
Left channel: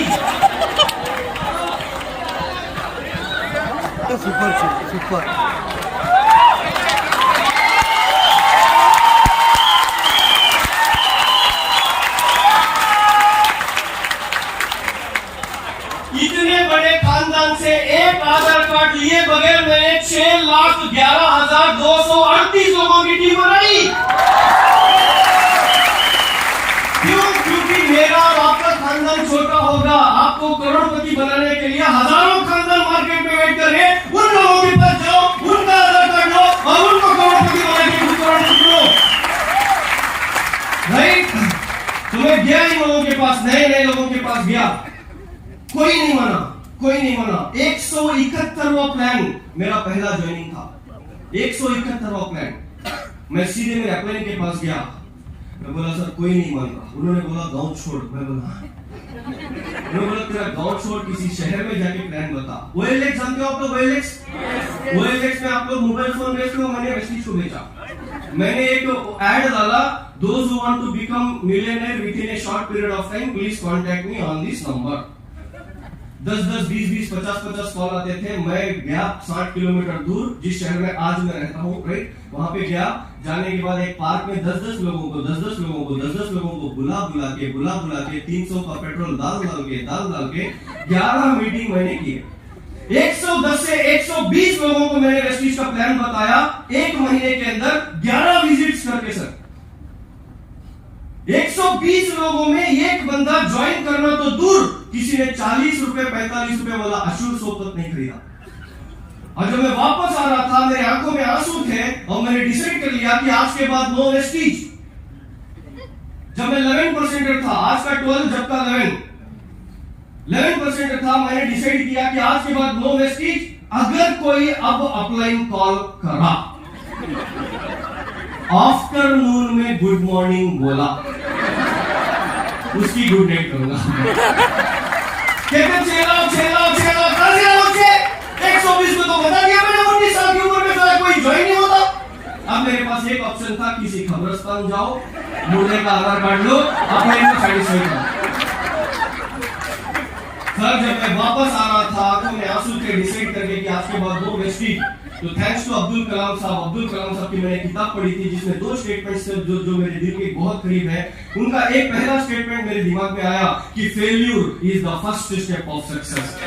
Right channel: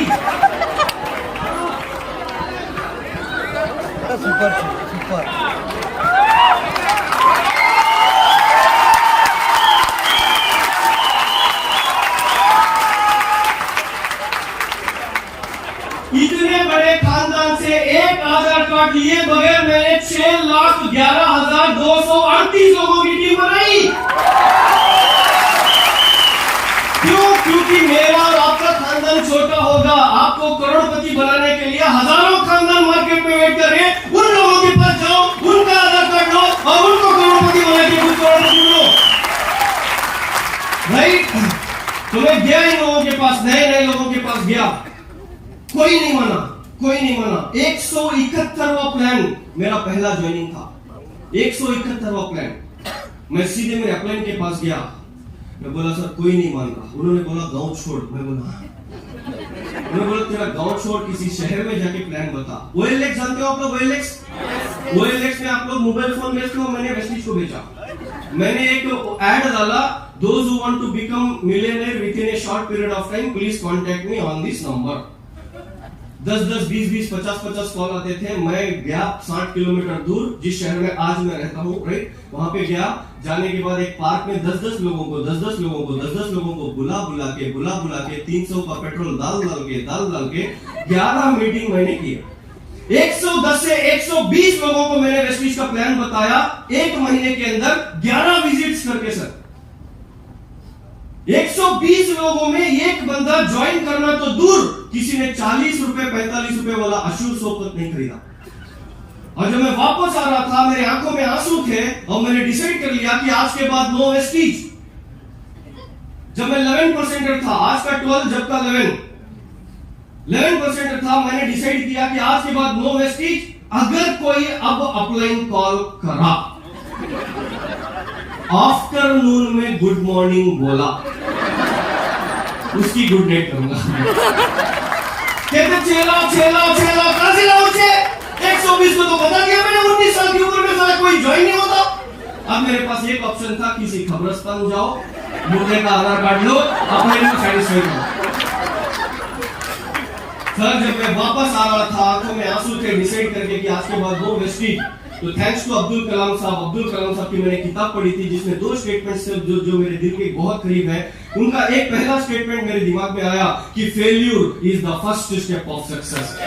Super super. इतने बड़े खानदान से एक आधार कार्ड लिए बगैर मैंने 6,11,238 लोगों की टीम बनाई। क्यों? क्योंकि मेरा और आपका खानदान छोटा होगा। आपको करोड़पति बनाने के लिए हजारों खानदान मार्केट में वेट कर रहे हैं। उन लोगों के पास जाओ, उनका आधार कार्ड लो और उनको करोड़पति बना के खुद करोड़पति लो। राइट? तो मैं गया इन लोगों के पास, नए लोगों के पास गया, कोई नहीं माना, कोई नहीं माना। 171वां प्लान मेरा पहला ज्वाइनिंग था। 171वां प्लान। मैं सीधे मेरे अपलाइन के पास गया, मैं बोला सर कोई नहीं मान रहा। उन्होंने बोला गांव छोड़। मैं बोला तेरा गांव छोड़, किसी शहर में जाके प्लान बता। OLX जानते हो आप लोग? OLX में आप लोग मोबाइल फोन बेचते हो। मैंने वेस्टीज को बेचा। मैंने एक एड डाला, those who want to become millionaire within a short period of time please contact me on this number. 10-10, 20-20, 50-50 call आते थे। मैं गया 60 किलोमीटर दूर, जिस शहर में आज मैं रहता हूँ, राइट, वहां पे गया। जाने के बाद एक पार्क में 10-10 लोगों को बुला के 300 का पेट्रोल डाल के 11 मीटिंग मैंने की। 110 से 120 लोगों को मैंने वेस्टीज का प्लान बताया। एक महीने के अंदर 11 विजिट्स करके सर 120 लोगों में एक बंदा ज्वाइन करना तो दूर, किसी ने 40 रुपए 45 रुपए वाला अशूर सोपत नहीं खरीदा। और जब मैं वापस आ रहा था, मेरे आंखों में आंसू थे और मैंने डिसाइड कर लिया कि आज के बाद नो वेस्टीज। जब मैं 11% था, आज का 12, जब का 11% था, मैंने डिसाइड किया कि आज के बाद नो वेस्टीज। अगर कोई अब अपलाइन कॉल करा, आफ्टरनून में गुड मॉर्निंग बोला, उसकी गुड नाइट करूंगा। कहते चेला 120 को तो बता दिया मैंने। 19 साल की उम्र में सारा कोई ज्वाइन नहीं होता। अब मेरे पास एक ऑप्शन था, किसी खबरस्तान जाओ, मुर्दे का आधार कार्ड लो, अपने को सेटिस्फाई करो। सर जब मैं वापस आ रहा था, आंखों में आंसू थे, डिसाइड करके कि आज के बाद नो वेस्टीज। तो थैंक्स टू अब्दुल कलाम साहब की मैंने किताब पढ़ी थी, जिसमें 2 स्टेटमेंट्स जो मेरे दिल के बहुत करीब है। उनका एक पहला स्टेटमेंट मेरे दिमाग में आया कि failure is the first step of success.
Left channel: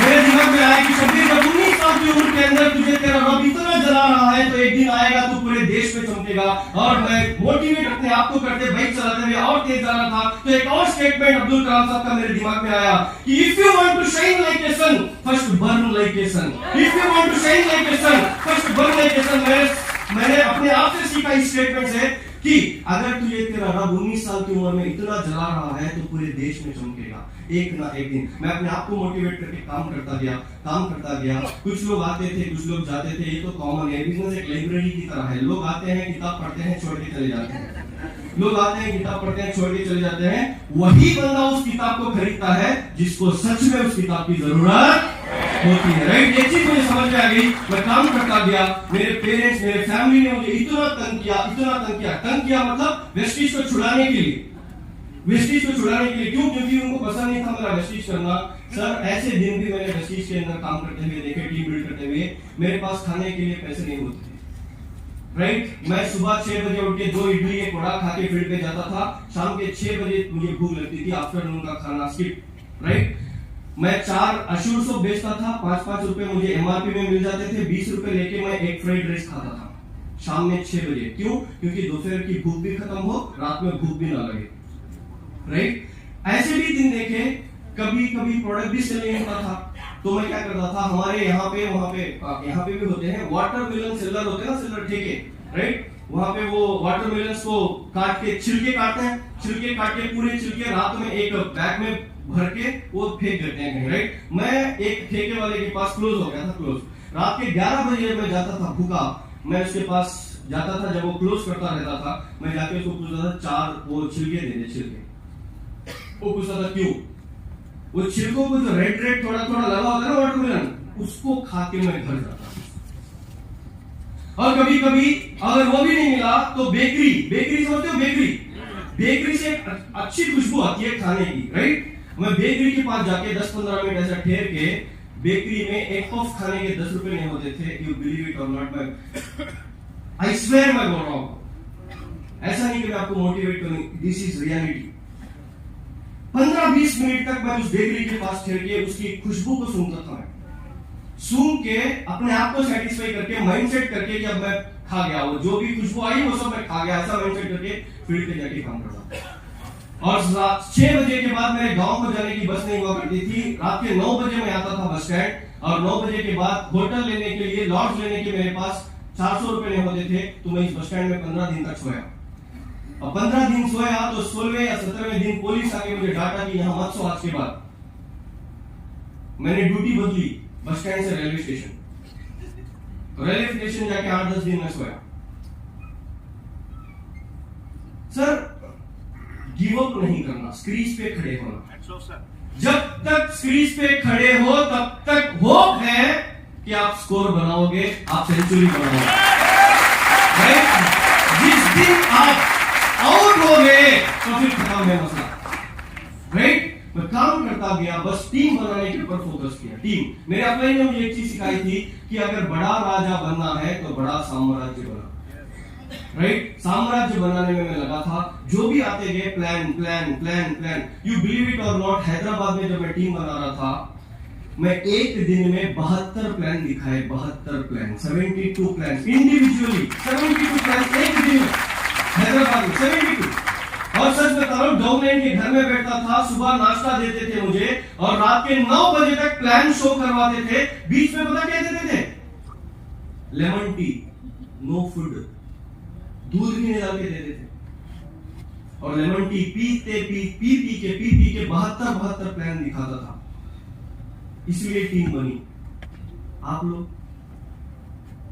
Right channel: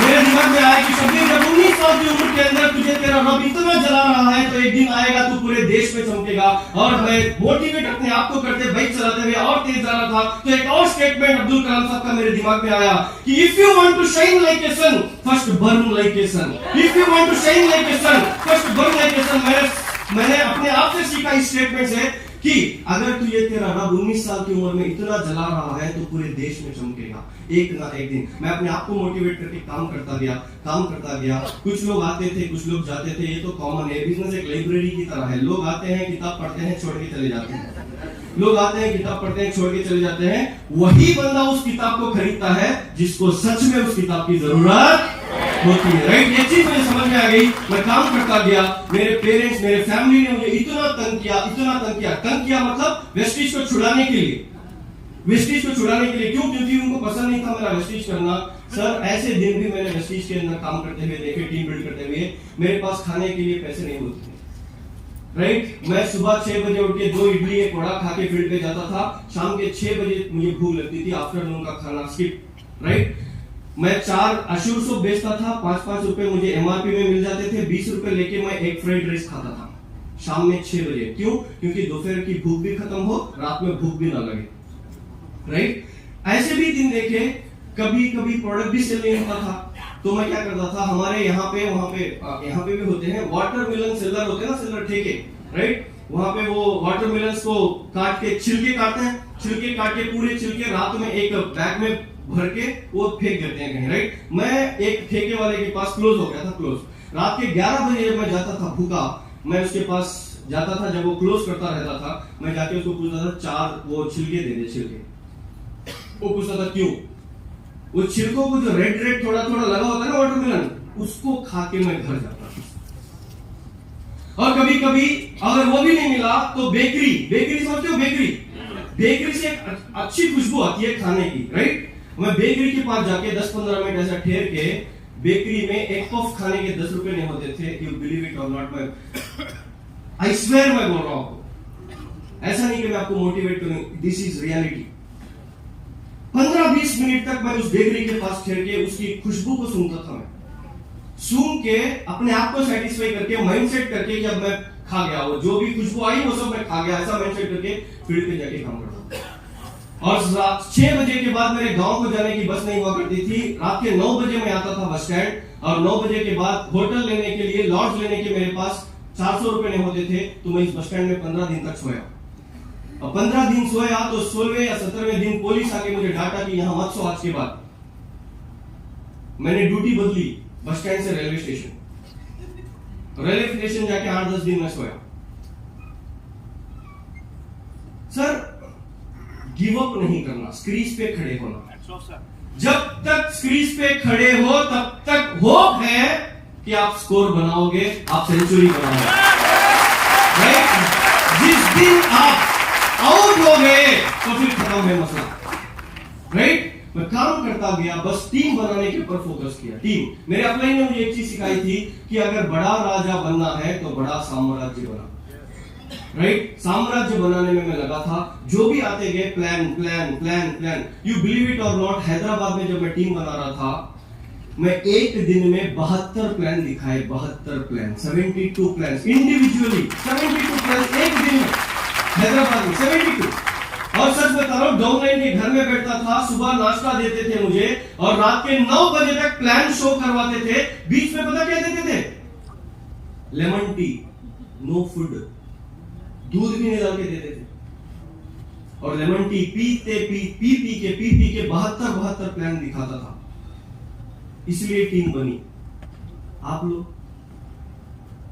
मेरे दिमाग में आया कि शब्बीर, जब 19 साल की उम्र के अंदर तुझे तेरा रब इतना जला रहा है, तो एक दिन आएगा तू पूरे देश में चमकेगा। और मैं मोटिवेट अपने आप को करते, बाइक चलाते हुए और तेज जा रहा था, तो एक और स्टेटमेंट अब्दुल कलाम साहब का मेरे दिमाग में आया कि if you want to shine like a sun, first burn like a sun. If you want to shine like a sun, first burn like a sun. मैंने अपने आप से सीखा इस स्टेटमेंट से कि अगर तुझे तेरा रब 19 साल की उम्र में इतना जला रहा है, तो पूरे देश में चमकेगा एक ना एक दिन। मैं अपने आप को मोटिवेट करके काम करता गया। कुछ लोग आते थे, कुछ लोग जाते थे, ये तो कॉमन है। बिजनेस एक लाइब्रेरी की तरह है। लोग आते हैं, किताब पढ़ते हैं, छोड़ के चले जाते हैं। लोग आते हैं, किताब पढ़ते हैं, छोड़ के चले जाते हैं। वही बंदा उस किताब को खरीदता है जिसको सच में उस किताब की जरूरत होती है। राइट? ये चीज मुझे समझ में आ गई। मैं काम करता गया। मेरे पेरेंट्स, मेरे फैमिली ने मुझे इतना तंग किया मतलब वेस्टीज को छुड़ाने के लिए। क्यों? क्योंकि उनको पसंद नहीं था मेरा वेस्टीज करना। सर ऐसे दिन भी मैंने वेस्टीज के अंदर काम करते हुए देखे, टीम बिल्ड करते हुए। मेरे पास खाने के लिए पैसे नहीं होते थे। राइट? मैं सुबह 6 बजे उठ के 2 इडली एक वड़ा खा के फील्ड पे जाता था। शाम के 6 बजे मुझे भूख लगती थी। आफ्टरनून का खाना स्किप। राइट? मैं 4 अशूर सोप बेचता था। 5-5 रुपए मुझे एमआरपी में मिल जाते थे। 20 रुपए लेके मैं एक फ्राइड राइस खाता था शाम में 6 बजे। क्यों? क्योंकि दोपहर की भूख भी खत्म हो, रात में भूख भी ना लगे। राइट? ऐसे भी दिन देखे, कभी प्रोडक्ट भी सेल नहीं होता था, तो मैं क्या करता था, हमारे यहाँ पे भी होते हैं वाटरमेलन सेलर, होते हैं ना सेलर ठेके। राइट? वहां पे वो वाटरमेलन को काट के छिलके काटते हैं, छिलके काट के पूरे छिलके रात में एक बैग में भर के वो फेंक देते हैं कहीं। राइट? मैं एक ठेके वाले के पास क्लोज हो गया था। रात के 11 बजे मैं जाता था भूखा, मैं उसके पास जाता था। जब वो क्लोज करता रहता था, मैं जाके उसको पूछता था 4 वो छिलके दे दे। छिलके वो पूछता था क्यों? वो छिलकों को जो रेड रेड थोड़ा थोड़ा लगा होता है ना वाटरमेलन, उसको खा के मैं घर जाता हूं। और कभी कभी अगर वो भी नहीं मिला तो बेकरी समझते हो? बेकरी से एक अच्छी खुशबू आती है खाने की, राइट? मैं बेकरी के पास जाके 10-15 मिनट ऐसा ठहर के बेकरी में एक पफ खाने के 10 रुपए नहीं होते थे। यू बिलीव इट और नॉट, मैं आई स्वेयर मैं बोल रहा हूं आपको। ऐसा नहीं कि मैं आपको मोटिवेट करूं, दिस इज रियलिटी। 15-20 मिनट तक मैं उस बेकरी के पास ठहर के उसकी खुशबू को सूंघता था। मैं सूंघ के अपने आप को सेटिस्फाई करके माइंडसेट करके कि अब मैं खा गया, वो जो भी खुशबू आई वो सब मैं खा गया, ऐसा माइंडसेट करके फील्ड पे जाके काम करता। और 6 बजे के बाद मेरे गांव को जाने की बस नहीं हुआ करती थी। रात के 9 बजे मैं आता था बस स्टैंड, और 9 बजे के बाद होटल लेने के लिए, लॉज लेने के मेरे पास 400 रुपए नहीं होते थे। तो मैं इस बस स्टैंड में 15 दिन तक सोया, और 15 दिन सोया तो 16वें या 17वें दिन पुलिस आके मुझे डांटा कि यहां मत सो आज के बाद। मैंने ड्यूटी बदली बस स्टैंड से रेलवे स्टेशन जाके 8-10 दिन में सोया। सर, गिव अप नहीं करना, स्क्रीज पे खड़े होना। जब तक स्क्रीज पे खड़े हो तब तक होप है कि आप स्कोर बनाओगे, आप सेंचुरी बनाओगे, राइट? जिस दिन आप आउट हो गए तो फिर खत्म है मसला, राइट? मैं काम करता गया, बस टीम बनाने के ऊपर फोकस किया। टीम, मेरे अपने ने मुझे एक चीज सिखाई थी कि अगर बड़ा राजा बनना है तो बड़ा साम्राज्य बना, राइट? साम्राज्य बनाने में मैं लगा था। जो भी आते गए प्लान। यू बिलीव इट और नॉट, हैदराबाद में जब मैं टीम बना रहा था, मैं एक दिन में 72 प्लान दिखाए, 72 प्लान, 72 प्लान इंडिविजुअली, 72 प्लान एक दिन में हैदराबाद में 72। और सच बता रहा हूं, डाउनलाइन के घर में बैठता था, सुबह नाश्ता देते थे मुझे, और रात के 9 बजे तक प्लान शो करवाते थे। बीच में पता क्या देते थे? लेमन टी, नो फूड, दूध भी नहीं डाल के देते थे। और लेमन टी पी के 72 प्लान दिखाता था। इसलिए टीम बनी। आप लोग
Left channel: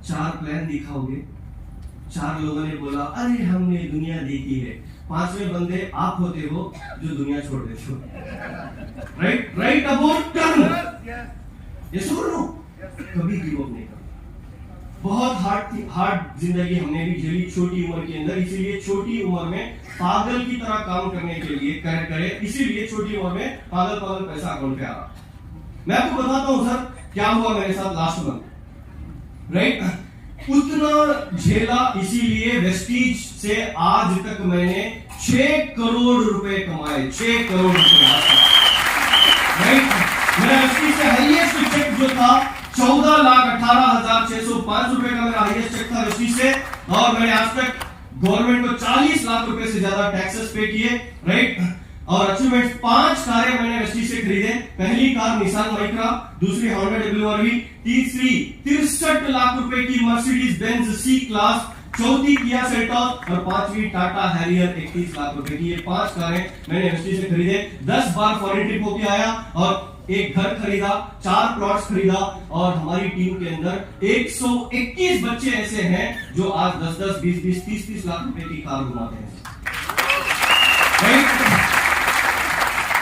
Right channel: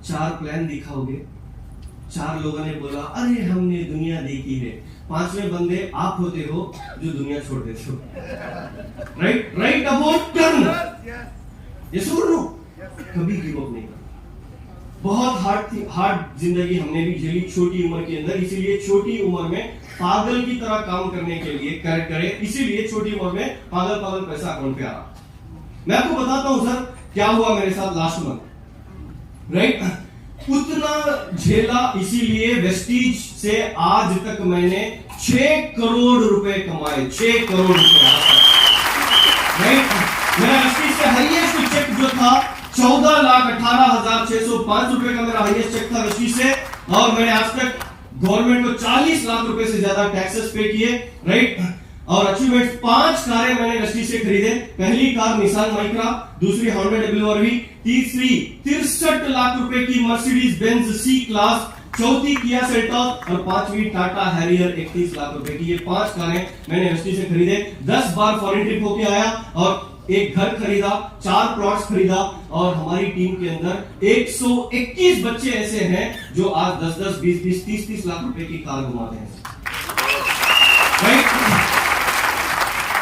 4 प्लान दिखाओगे, 4 लोगों ने बोला अरे हमने दुनिया देखी है, 5वें बंदे आप होते हो जो दुनिया छोड़ देते हो, राइट अबाउट टर्न। ये सुन लो, कभी गिव अप नहीं करना। बहुत हार्ड जिंदगी हमने भी झेली छोटी उम्र के अंदर, इसीलिए छोटी उम्र में पागल की तरह काम करने के लिए करे, इसीलिए छोटी उम्र में पागल पैसा अकाउंट पे आ रहा। मैं आपको बताता हूं सर क्या हुआ मेरे साथ लास्ट मंथ, राइट? उतना झेला, इसीलिए वेस्टीज से आज तक मैंने 6 करोड़ रुपए कमाए, 6 करोड़ रुपए, राइट? मेरा वेस्टीज से हाईएस्ट चेक जो था 14,18,605 रुपए का मेरा हाईएस्ट चेक था वेस्टीज से। और मैंने आज तक गवर्नमेंट को 40 लाख रुपए से ज्यादा टैक्सेस पे किए, राइट? और अचीवमेंट 5 कारें मैंने वेस्टीज से खरीदे। पहली कार निसान माइक्रा, दूसरी होंडा डब्ल्यूआरवी, तीसरी 63 लाख रुपए की मर्सिडीज बेंज सी क्लास, चौथी किया सेल्टॉस, और 5वीं टाटा हैरियर 31 लाख रुपए की। ये 5 कारें मैंने वेस्टीज से खरीदे। 10 बार फॉरेन ट्रिप होके आया, और एक घर खरीदा, 4 प्लॉट्स खरीदा। और हमारी टीम के अंदर 121 बच्चे ऐसे हैं जो आज 10-10, 20-20, 30-30 लाख रुपए की कार घुमाते हैं, राइट?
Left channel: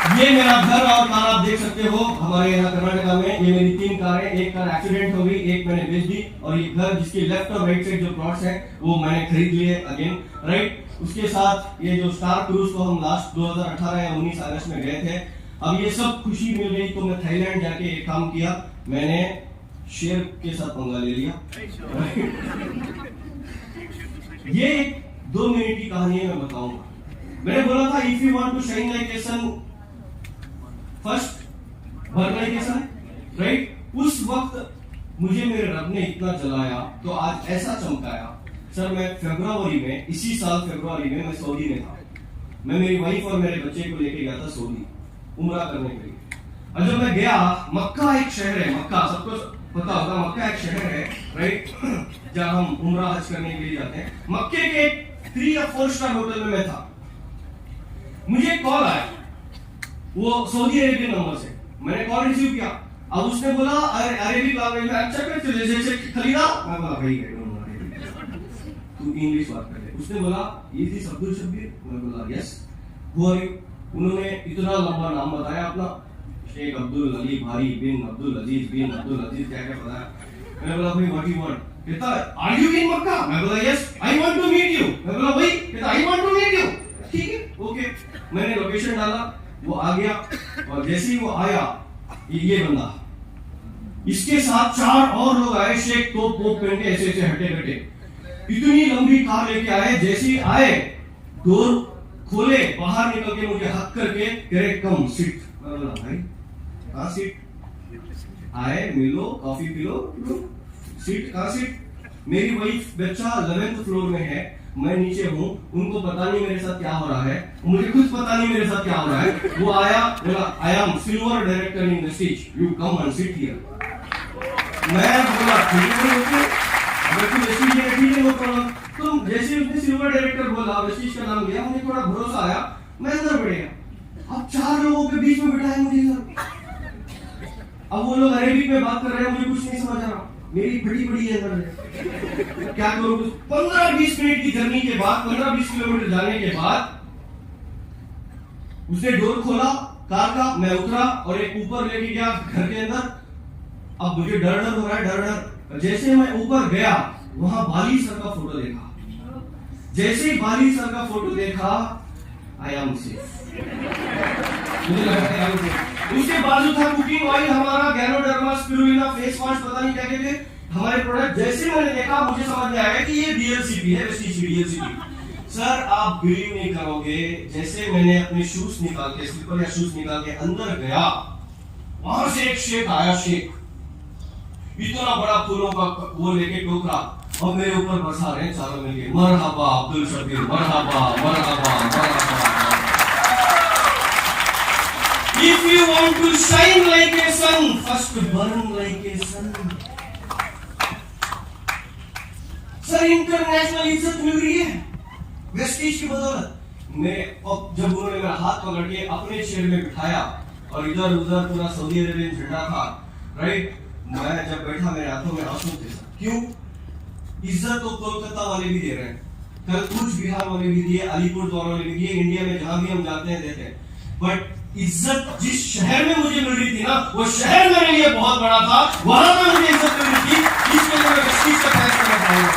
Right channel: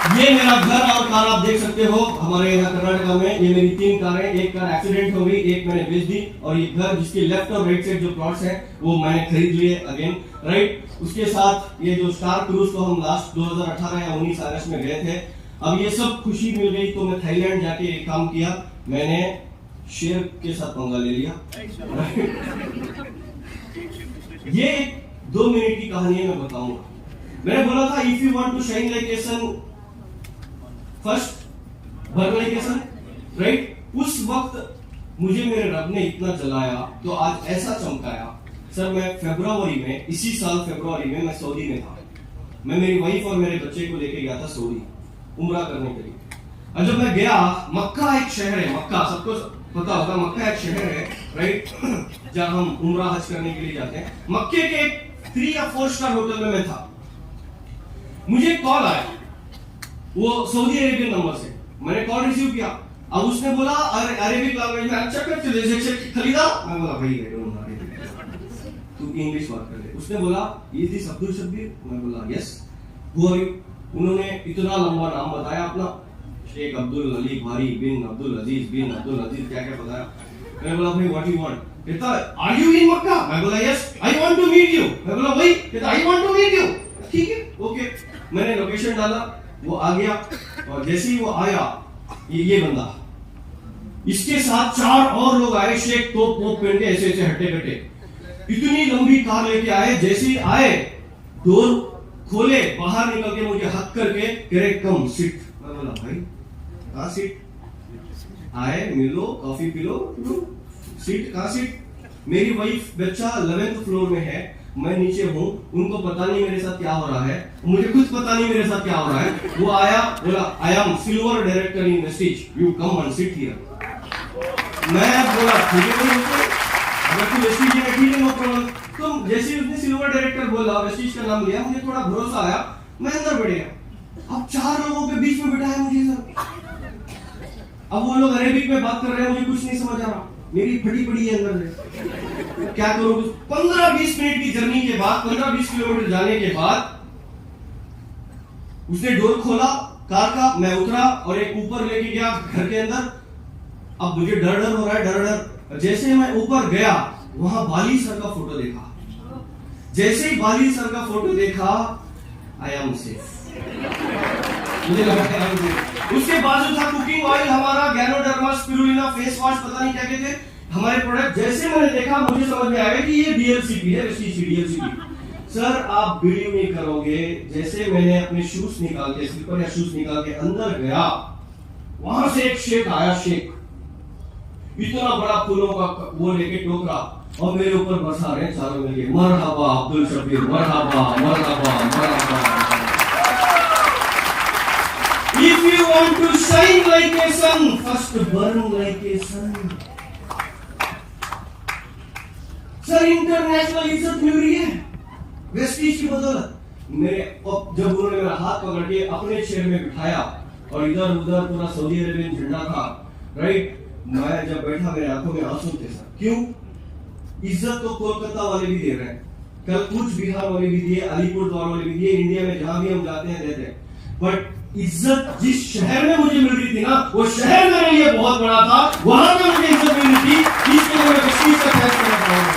ये मेरा घर और कार आप देख सकते हो हमारे यहाँ कर्नाटका में। ये मेरी 3 कारें, एक कार एक्सीडेंट हो गई, एक मैंने बेच दी, और ये घर जिसके लेफ्ट और राइट साइड जो प्लॉट्स हैं वो मैंने खरीद लिए अगेन, राइट? उसके साथ ये जो स्टार क्रूज को हम लास्ट 2018 या 19 अगस्त में गए थे। अब ये सब खुशी मिल गई तो मैं थाईलैंड जाके एक काम किया, मैंने शेर के साथ पंगा ले लिया। ये 2 मिनट की कहानी है, मैं बताऊंगा। मैंने बोला था if you want to shine like a sun first burn like a sun, right? उस वक्त मुझे मेरे रब ने इतना जलाया तो आज ऐसा चमकाया। सर, मैं फरवरी में, इसी साल फरवरी में मैं सऊदी में था। मैं मेरी वाइफ और मेरे बच्चे को लेके गया था सऊदी उम्रा करने के लिए। और जब मैं गया, मक्का एक शहर है, मक्का सबको पता होगा, मक्का एक शहर है, राइट? जहां हम उम्रा हज करने के लिए जाते हैं। मक्के के 3 या 4 स्टार होटल में मैं था। मुझे एक कॉल आया, वो सऊदी अरेबियन नंबर से। मैंने कॉल रिसीव किया। अब उसने बोला अरेबिक लैंग्वेज में, अच्छा कर खरीदा। मैं बोला भाई तू इंग्लिश बात कर ले। उसने बोला ये थी अब्दुल शब्बीर। मैं बोला यस। Who are you? उन्होंने इतना लंबा नाम बताया अपना, शेख अब्दुल अली भारी बिन अब्दुल अजीज बिन अब्दुल अजीज क्या क्या बताया। मैंने बोला भाई व्हाट यू वांट, कहता आर यू इन मक्का, मैं बोला yes, I want to meet you, मैं बोला भाई, कहता I want to meet you, ठीक है ओके। मैंने लोकेशन डाला, वो आ गया, और जैसे ही वो आया ये बंदा, इसके साथ 4 और लोग आए, शेख तोप पोप पहन के ऐसे ऐसे हटे कटे, इतनी लंबी कार लेके आए। जैसे ही आए डोर खोले, बाहर निकल के मुझे हक करके कह रहे कम सिट। मैं बोला भाई कहाँ सीट, आए मिलो कॉफी पिलो, सीट कहाँ सीट। मेरी वाइफ बच्चा 11th फ्लोर में है, मैं नीचे हूँ, उनको पता नहीं मेरे साथ क्या हो रहा है, मुझे खुद पता नहीं मेरे साथ क्या हो रहा है। वो आया, बोला I am silver director in Vestige, you come and sit here. मैं बोला ठीक है भाई ओके, अगर तू वेस्टीज में ठीक है नो प्रॉब्लम। तुम जैसे उसने सिल्वर डायरेक्टर बोला, वेस्टीज का नाम लिया, मुझे थोड़ा भरोसा आया, मैं अंदर बढ़ गया। अब 4 लोगों के बीच में बिठाया मुझे सर। अब वो लोग अरेबिक में बात कर रहे हैं, मुझे कुछ नहीं समझ आ रहा, मेरी फटी पड़ी है अंदर, क्या करूं। 15-20 मिनट की जर्नी के बाद, 15-20 किलोमीटर जाने के बाद उसने डोर खोला कार का, मैं उतरा और एक ऊपर लेके गया घर के अंदर। अब मुझे डर डर हो रहा है, डर डर। जैसे मैं ऊपर गया, वहां बाली सर का फोटो देखा। जैसे ही बाली सर का फोटो देखा, आई एम सेफ, मुझे लगा कि आई एम सेफ। उसके बाजू था कुकिंग ऑयल हमारा, गैनोडर्मा स्पिरुलिना फेस वॉश, पता नहीं क्या कहते हमारे प्रोडक्ट। जैसे मैंने देखा, मुझे समझ में आया कि ये डीएलसीपी है, डीएलसीपी। सर आप बिलीव नहीं करोगे, जैसे मैंने अपने शूज निकाल के, स्लीपर या शूज निकाल के अंदर गया, वहां से एक शेख आया, शेख इतना बड़ा फूलों का वो लेके टोकरा, और मेरे ऊपर बरसा रहे चारों मिलके, मरहबा अब्दुल शबीर, मरहबा मरहबा मरहबा। If you want to shine like a sun, first burn like a sun. Sir international इज्जत मिल रही है वेस्टीज की बदौलत। मेरे जब उन्होंने मेरा हाथ पकड़ के अपने चेयर में बिठाया, और इधर उधर पूरा सऊदी अरेबियन झंडा था, राइट। मैं जब बैठा, मेरे आंखों में आंसू थे सर। क्यों? इज्जत तो कोलकाता वाले भी दे रहे हैं, कल कूच बिहार वाले भी दिए, अलीपुरद्वार वाले भी दिए, इंडिया में जहां भी हम जाते हैं देते हैं। बट इज्जत जिस शहर में मुझे मिल रही थी ना, वो शहर मेरे लिए बहुत बड़ा था, वहां पर मुझे इज्जत मिल रही थी, इसके लिए मैं वेस्टीज का फैसला करना चाहूंगा।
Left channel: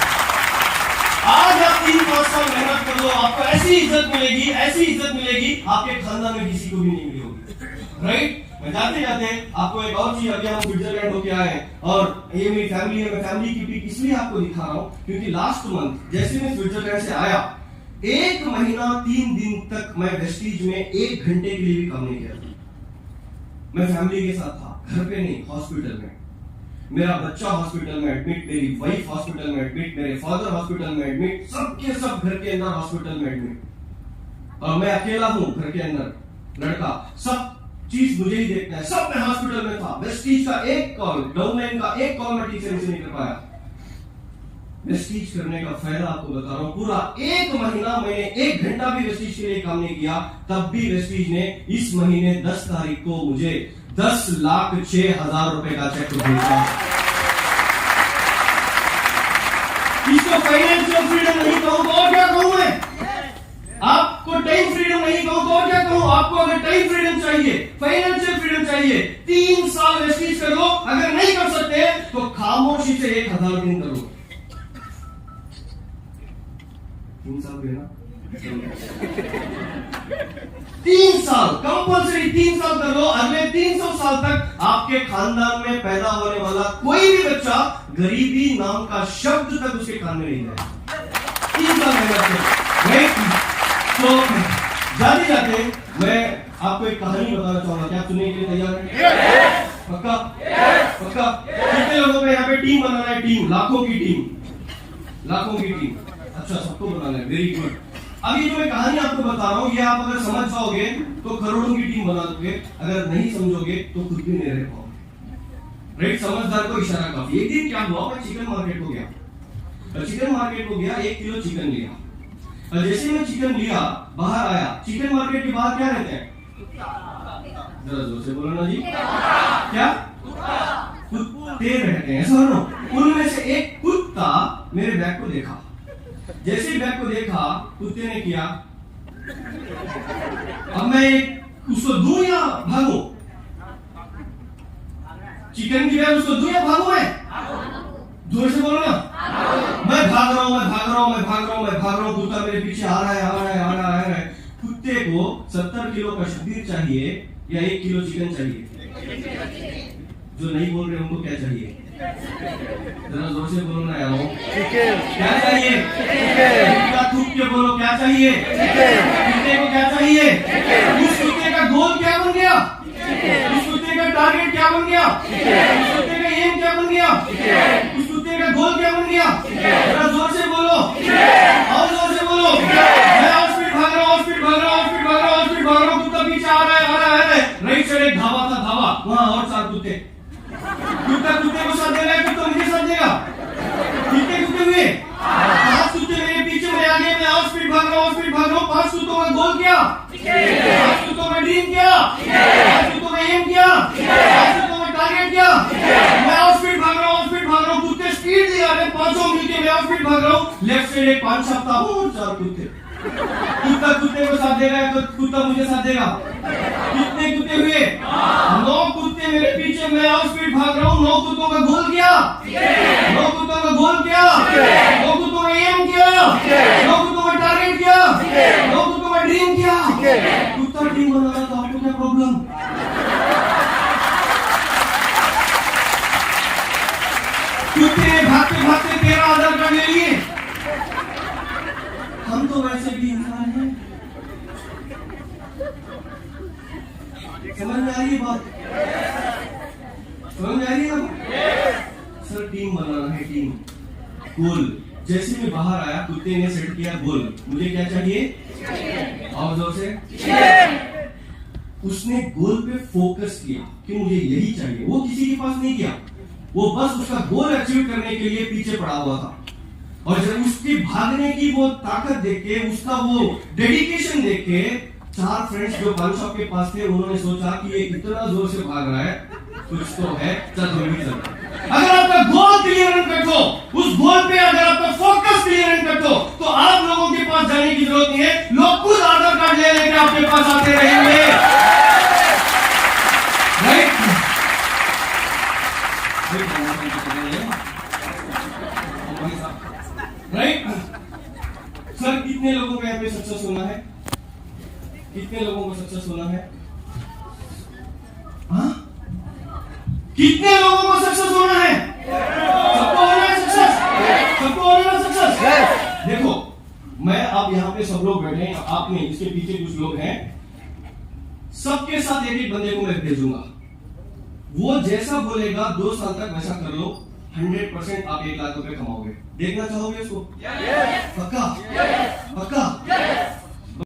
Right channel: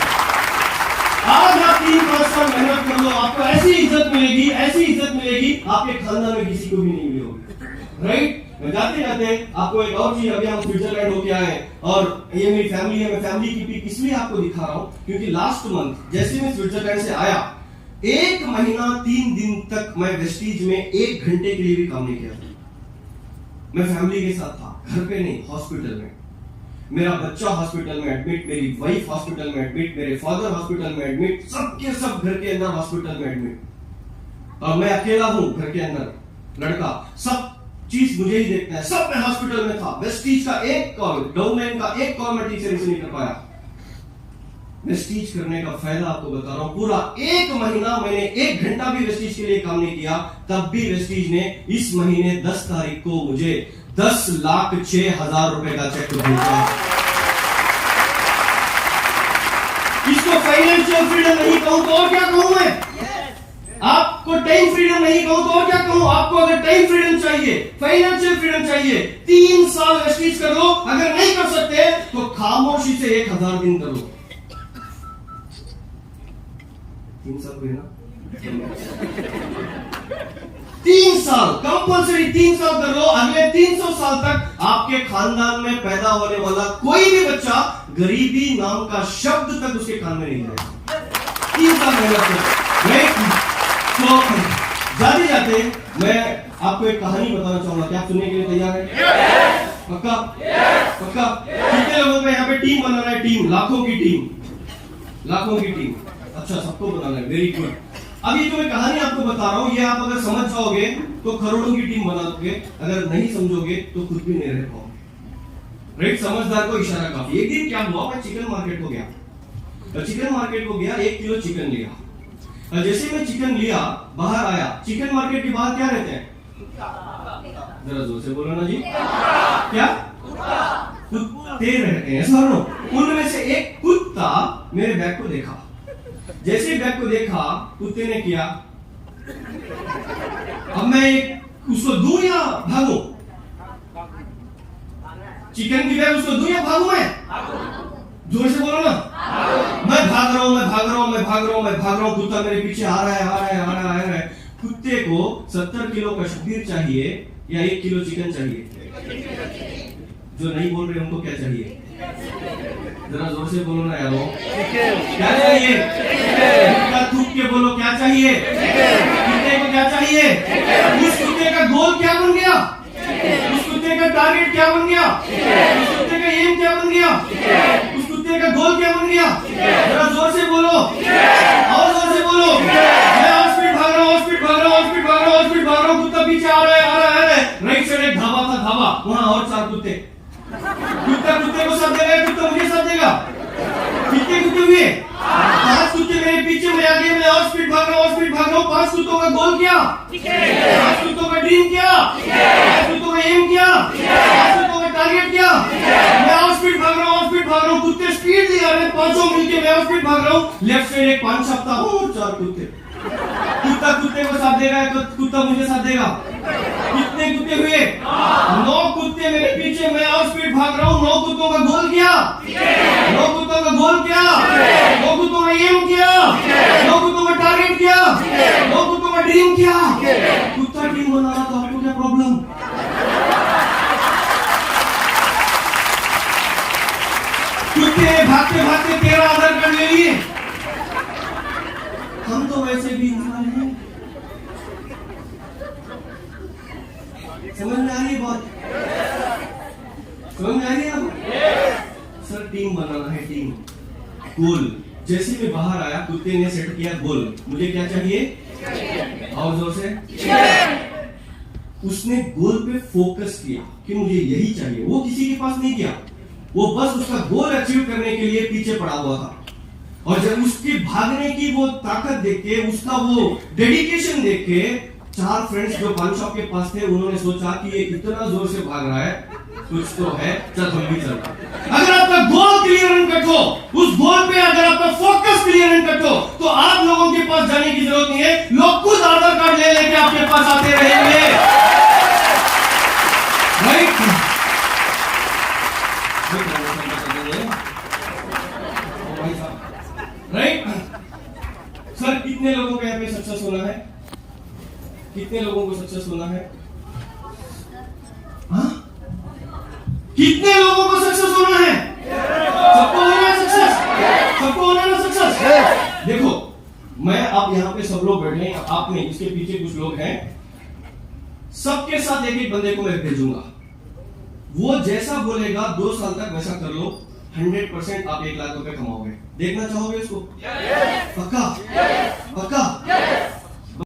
आज आप 3-5 साल मेहनत कर लो, आपको ऐसी इज्जत मिलेगी, ऐसी इज्जत मिलेगी, आपके खानदान में किसी को भी नहीं मिली होगी, राइट। मैं जाते जाते आपको एक और चीज, अभी हम स्विट्जरलैंड होके आए, और ये मेरी फैमिली है, मैं फैमिली की पिक इसलिए आपको दिखा रहा हूं क्योंकि लास्ट मंथ जैसे मैं स्विट्जरलैंड से आया, 1 महीना 3 दिन तक मैं वेस्टीज में 1 घंटे के लिए भी काम नहीं किया था। मैं फैमिली के साथ था, घर पे नहीं, हॉस्पिटल में। मेरा बच्चा हॉस्पिटल में एडमिट, मेरी वाइफ हॉस्पिटल में एडमिट, मेरे फादर हॉस्पिटल में एडमिट, सबके सब घर के अंदर हॉस्पिटल में एडमिट, और मैं अकेला हूं घर के अंदर, लड़का, सब चीज मुझे ही देखना है, सब मैं हॉस्पिटल में था। वेस्टीज का एक कॉल, डाउनलाइन का एक कॉल मैं ठीक से नहीं कर पाया। वेस्टीज करने का फायदा आपको बता रहा हूं, पूरा 1 महीना मैंने 1 घंटा भी वेस्टीज के लिए काम नहीं किया, तब भी वेस्टीज ने इस महीने 10 तारीख को मुझे 10,06,000 रुपए का चेक भेजा। इसको फाइनेंशियल फ्रीडम नहीं कहूं तो और क्या कहूं मैं? आपको टाइम फ्रीडम नहीं कहूं तो और क्या कहूं? आपको अगर टाइम फ्रीडम चाहिए, फाइनेंशियल फ्रीडम चाहिए, 3 साल वेस्टीज कर लो, अगर नहीं कर सकते तो खामोशी से 1000 दिन करो। 3 साल देना, 3 साल कंपल्सरी, 3 साल कर लो। अगले 300 साल तक आपके खानदान में पैदा होने वाला कोई भी बच्चा गरीबी नाम का शब्द तक उसके कान में नहीं जाएगा। 3 साल मेहनत करो, राइट। तो जाते जाते मैं आपको एक कहानी बताना चाहूंगा, क्या आप सुनने के लिए तैयार है? पक्का? पक्का? कितने लोगों का यहाँ पे टीम बनाना है? टीम, लाखों की टीम, लाखों की टीम। अच्छा, सबको बनाना है, वेरी गुड। अभी जो मैं कहानी आपको बता रहा हूं, ये आप अगर समझ जाओगे तो करोड़ों की टीम बना दोगे, अगर नहीं समझोगे तो खुद भी नहीं रह पाओगे, राइट। समझदार को इशारा काफी। एक दिन क्या हुआ, मैं चिकन मार्केट को गया, चिकन मार्केट को गया, 1 किलो चिकन लिया, और जैसे मैं चिकन लिया, बाहर आया, चिकन मार्केट के बाहर क्या रहते हैं? जरा जोर से बोलो ना जी, क्या? कुत्ते रहते हैं, ऐसा। उनमें से एक कुत्ता मेरे बैग को देखा, जैसे बैग को देखा, कुत्ते ने किया, अब मैं उसको दूं या भागूं? चिकन की बैग उसको दूं या भागूं मैं? जोर से बोलो ना। मैं भाग रहा हूं, मैं भाग रहा हूं, मैं भाग रहा हूं, मैं भाग रहा हूं, कुत्ता मेरे पीछे आ रहा है, आ रहा है, आ रहा है, आ रहा है। कुत्ते को 70 किलो का शब्बीर चाहिए या 1 किलो चिकन चाहिए? जो नहीं बोल रहे उनको क्या चाहिए? जरा जोर से बोलो ना यारो। क्या चाहिए? क्या थूक के बोलो, क्या चाहिए? कुत्ते को क्या चाहिए? उस कुत्ते का गोल क्या बन गया? उस कुत्ते का टारगेट क्या बन गया? उस कुत्ते का एम क्या बन गया? उस कुत्ते का गोल क्या बन गया? जरा जोर से बोलो, और जोर से बोलो। मैं और स्पीड भाग रहा हूँ, स्पीड भाग रहा हूँ, स्पीड भाग रहा हूँ, स्पीड भाग रहा हूँ, कुत्ता पीछे आ रहा है, आ रहा है। राइट साइड एक ढाबा था, ढाबा, वहां और 4 कुत्ते। कुत्ता कुत्ते को साथ देगा, कुत्ता मुझे साथ देगा। कितने कुत्ते हुए? 5 कुत्ते मेरे पीछे, मैं आगे, मैं और स्पीड भाग रहा हूँ, स्पीड भाग रहा हूँ। 5 कुत्तों का गोल क्या? 5 कुत्तों का ड्रीम क्या? 5 कुत्तों का एम क्या? 5 कुत्तों का टारगेट क्या? मैं और स्पीड भाग रहा हूँ, स्पीड भाग रहा हूँ, कुत्ते स्पीड दिखा रहे हैं, 5 मिलके मैं और स्पीड भाग रहा हूँ। लेफ्ट साइड एक 5 छापता हूँ और 4 कुत्ते। कुत्ता कुत्ते को साथ देगा, कुत्ता मुझे साथ देगा। कितने कुत्ते हुए? 9 कुत्ते मेरे पीछे, मैं और स्पीड भाग रहा हूँ। 9 कुत्तों का गोल क्या? 9 कुत्तों का गोल क्या? 9 कुत्तों का एम क्या? 9 कुत्तों का टारगेट क्या? 9 कुत्तों का ड्रीम क्या? कुत्ता ड्रीम बना रहा तो आपको क्या प्रॉब्लम? कुत्ते भागते भागते 13 आधार कार्ड ले लिए। हम तो वैसे भी इंसान हैं। समझ में आ रही है बात? समझ में आ रही है ना? सर टीम बनाना है, टीम गोल। जैसे मैं बाहर आया, कुत्ते ने सेट किया गोल, मुझे क्या चाहिए? और जोर से। उसने गोल पे फोकस किया कि मुझे यही चाहिए। वो किसी के पास नहीं गया, वो बस उसका गोल अचीव करने के लिए पीछे पड़ा हुआ था। और जब उसके भागने की वो ताकत देख के, उसका वो डेडिकेशन देख के, 4 फ्रेंड्स जो पान शॉप के पास थे, उन्होंने सोचा कि ये इतना जोर से भाग रहा है, कुछ तो है, चल हम भी चलते। अगर आपका गोल क्लियर एंड कट हो, उस गोल पे अगर आपका फोकस क्लियर एंड कट हो, तो आप लोगों के पास जाने की जरूरत नहीं है। लोग खुद आधार कार्ड ले लेके आपके पास आते रहेंगे। राइट? राइट? सर कितने लोगों का यहाँ पे सक्सेस होना है? कितने लोगों को सक्सेस होना है? हाँ? कितने लोगों को सक्सेस होना है? सबको होना है सक्सेस? सबको होना है सक्सेस? देखो, मैं आप यहाँ पे सब लोग बैठे हैं, आप नहीं, इसके पीछे कुछ लोग हैं। सबके साथ एक एक बंदे को मैं भेजूंगा। वो जैसा बोलेगा 2 साल तक वैसा कर लो, 100% आप 1 लाख रुपए कमाओगे। देखना चाहोगे उसको? पक्का? पक्का?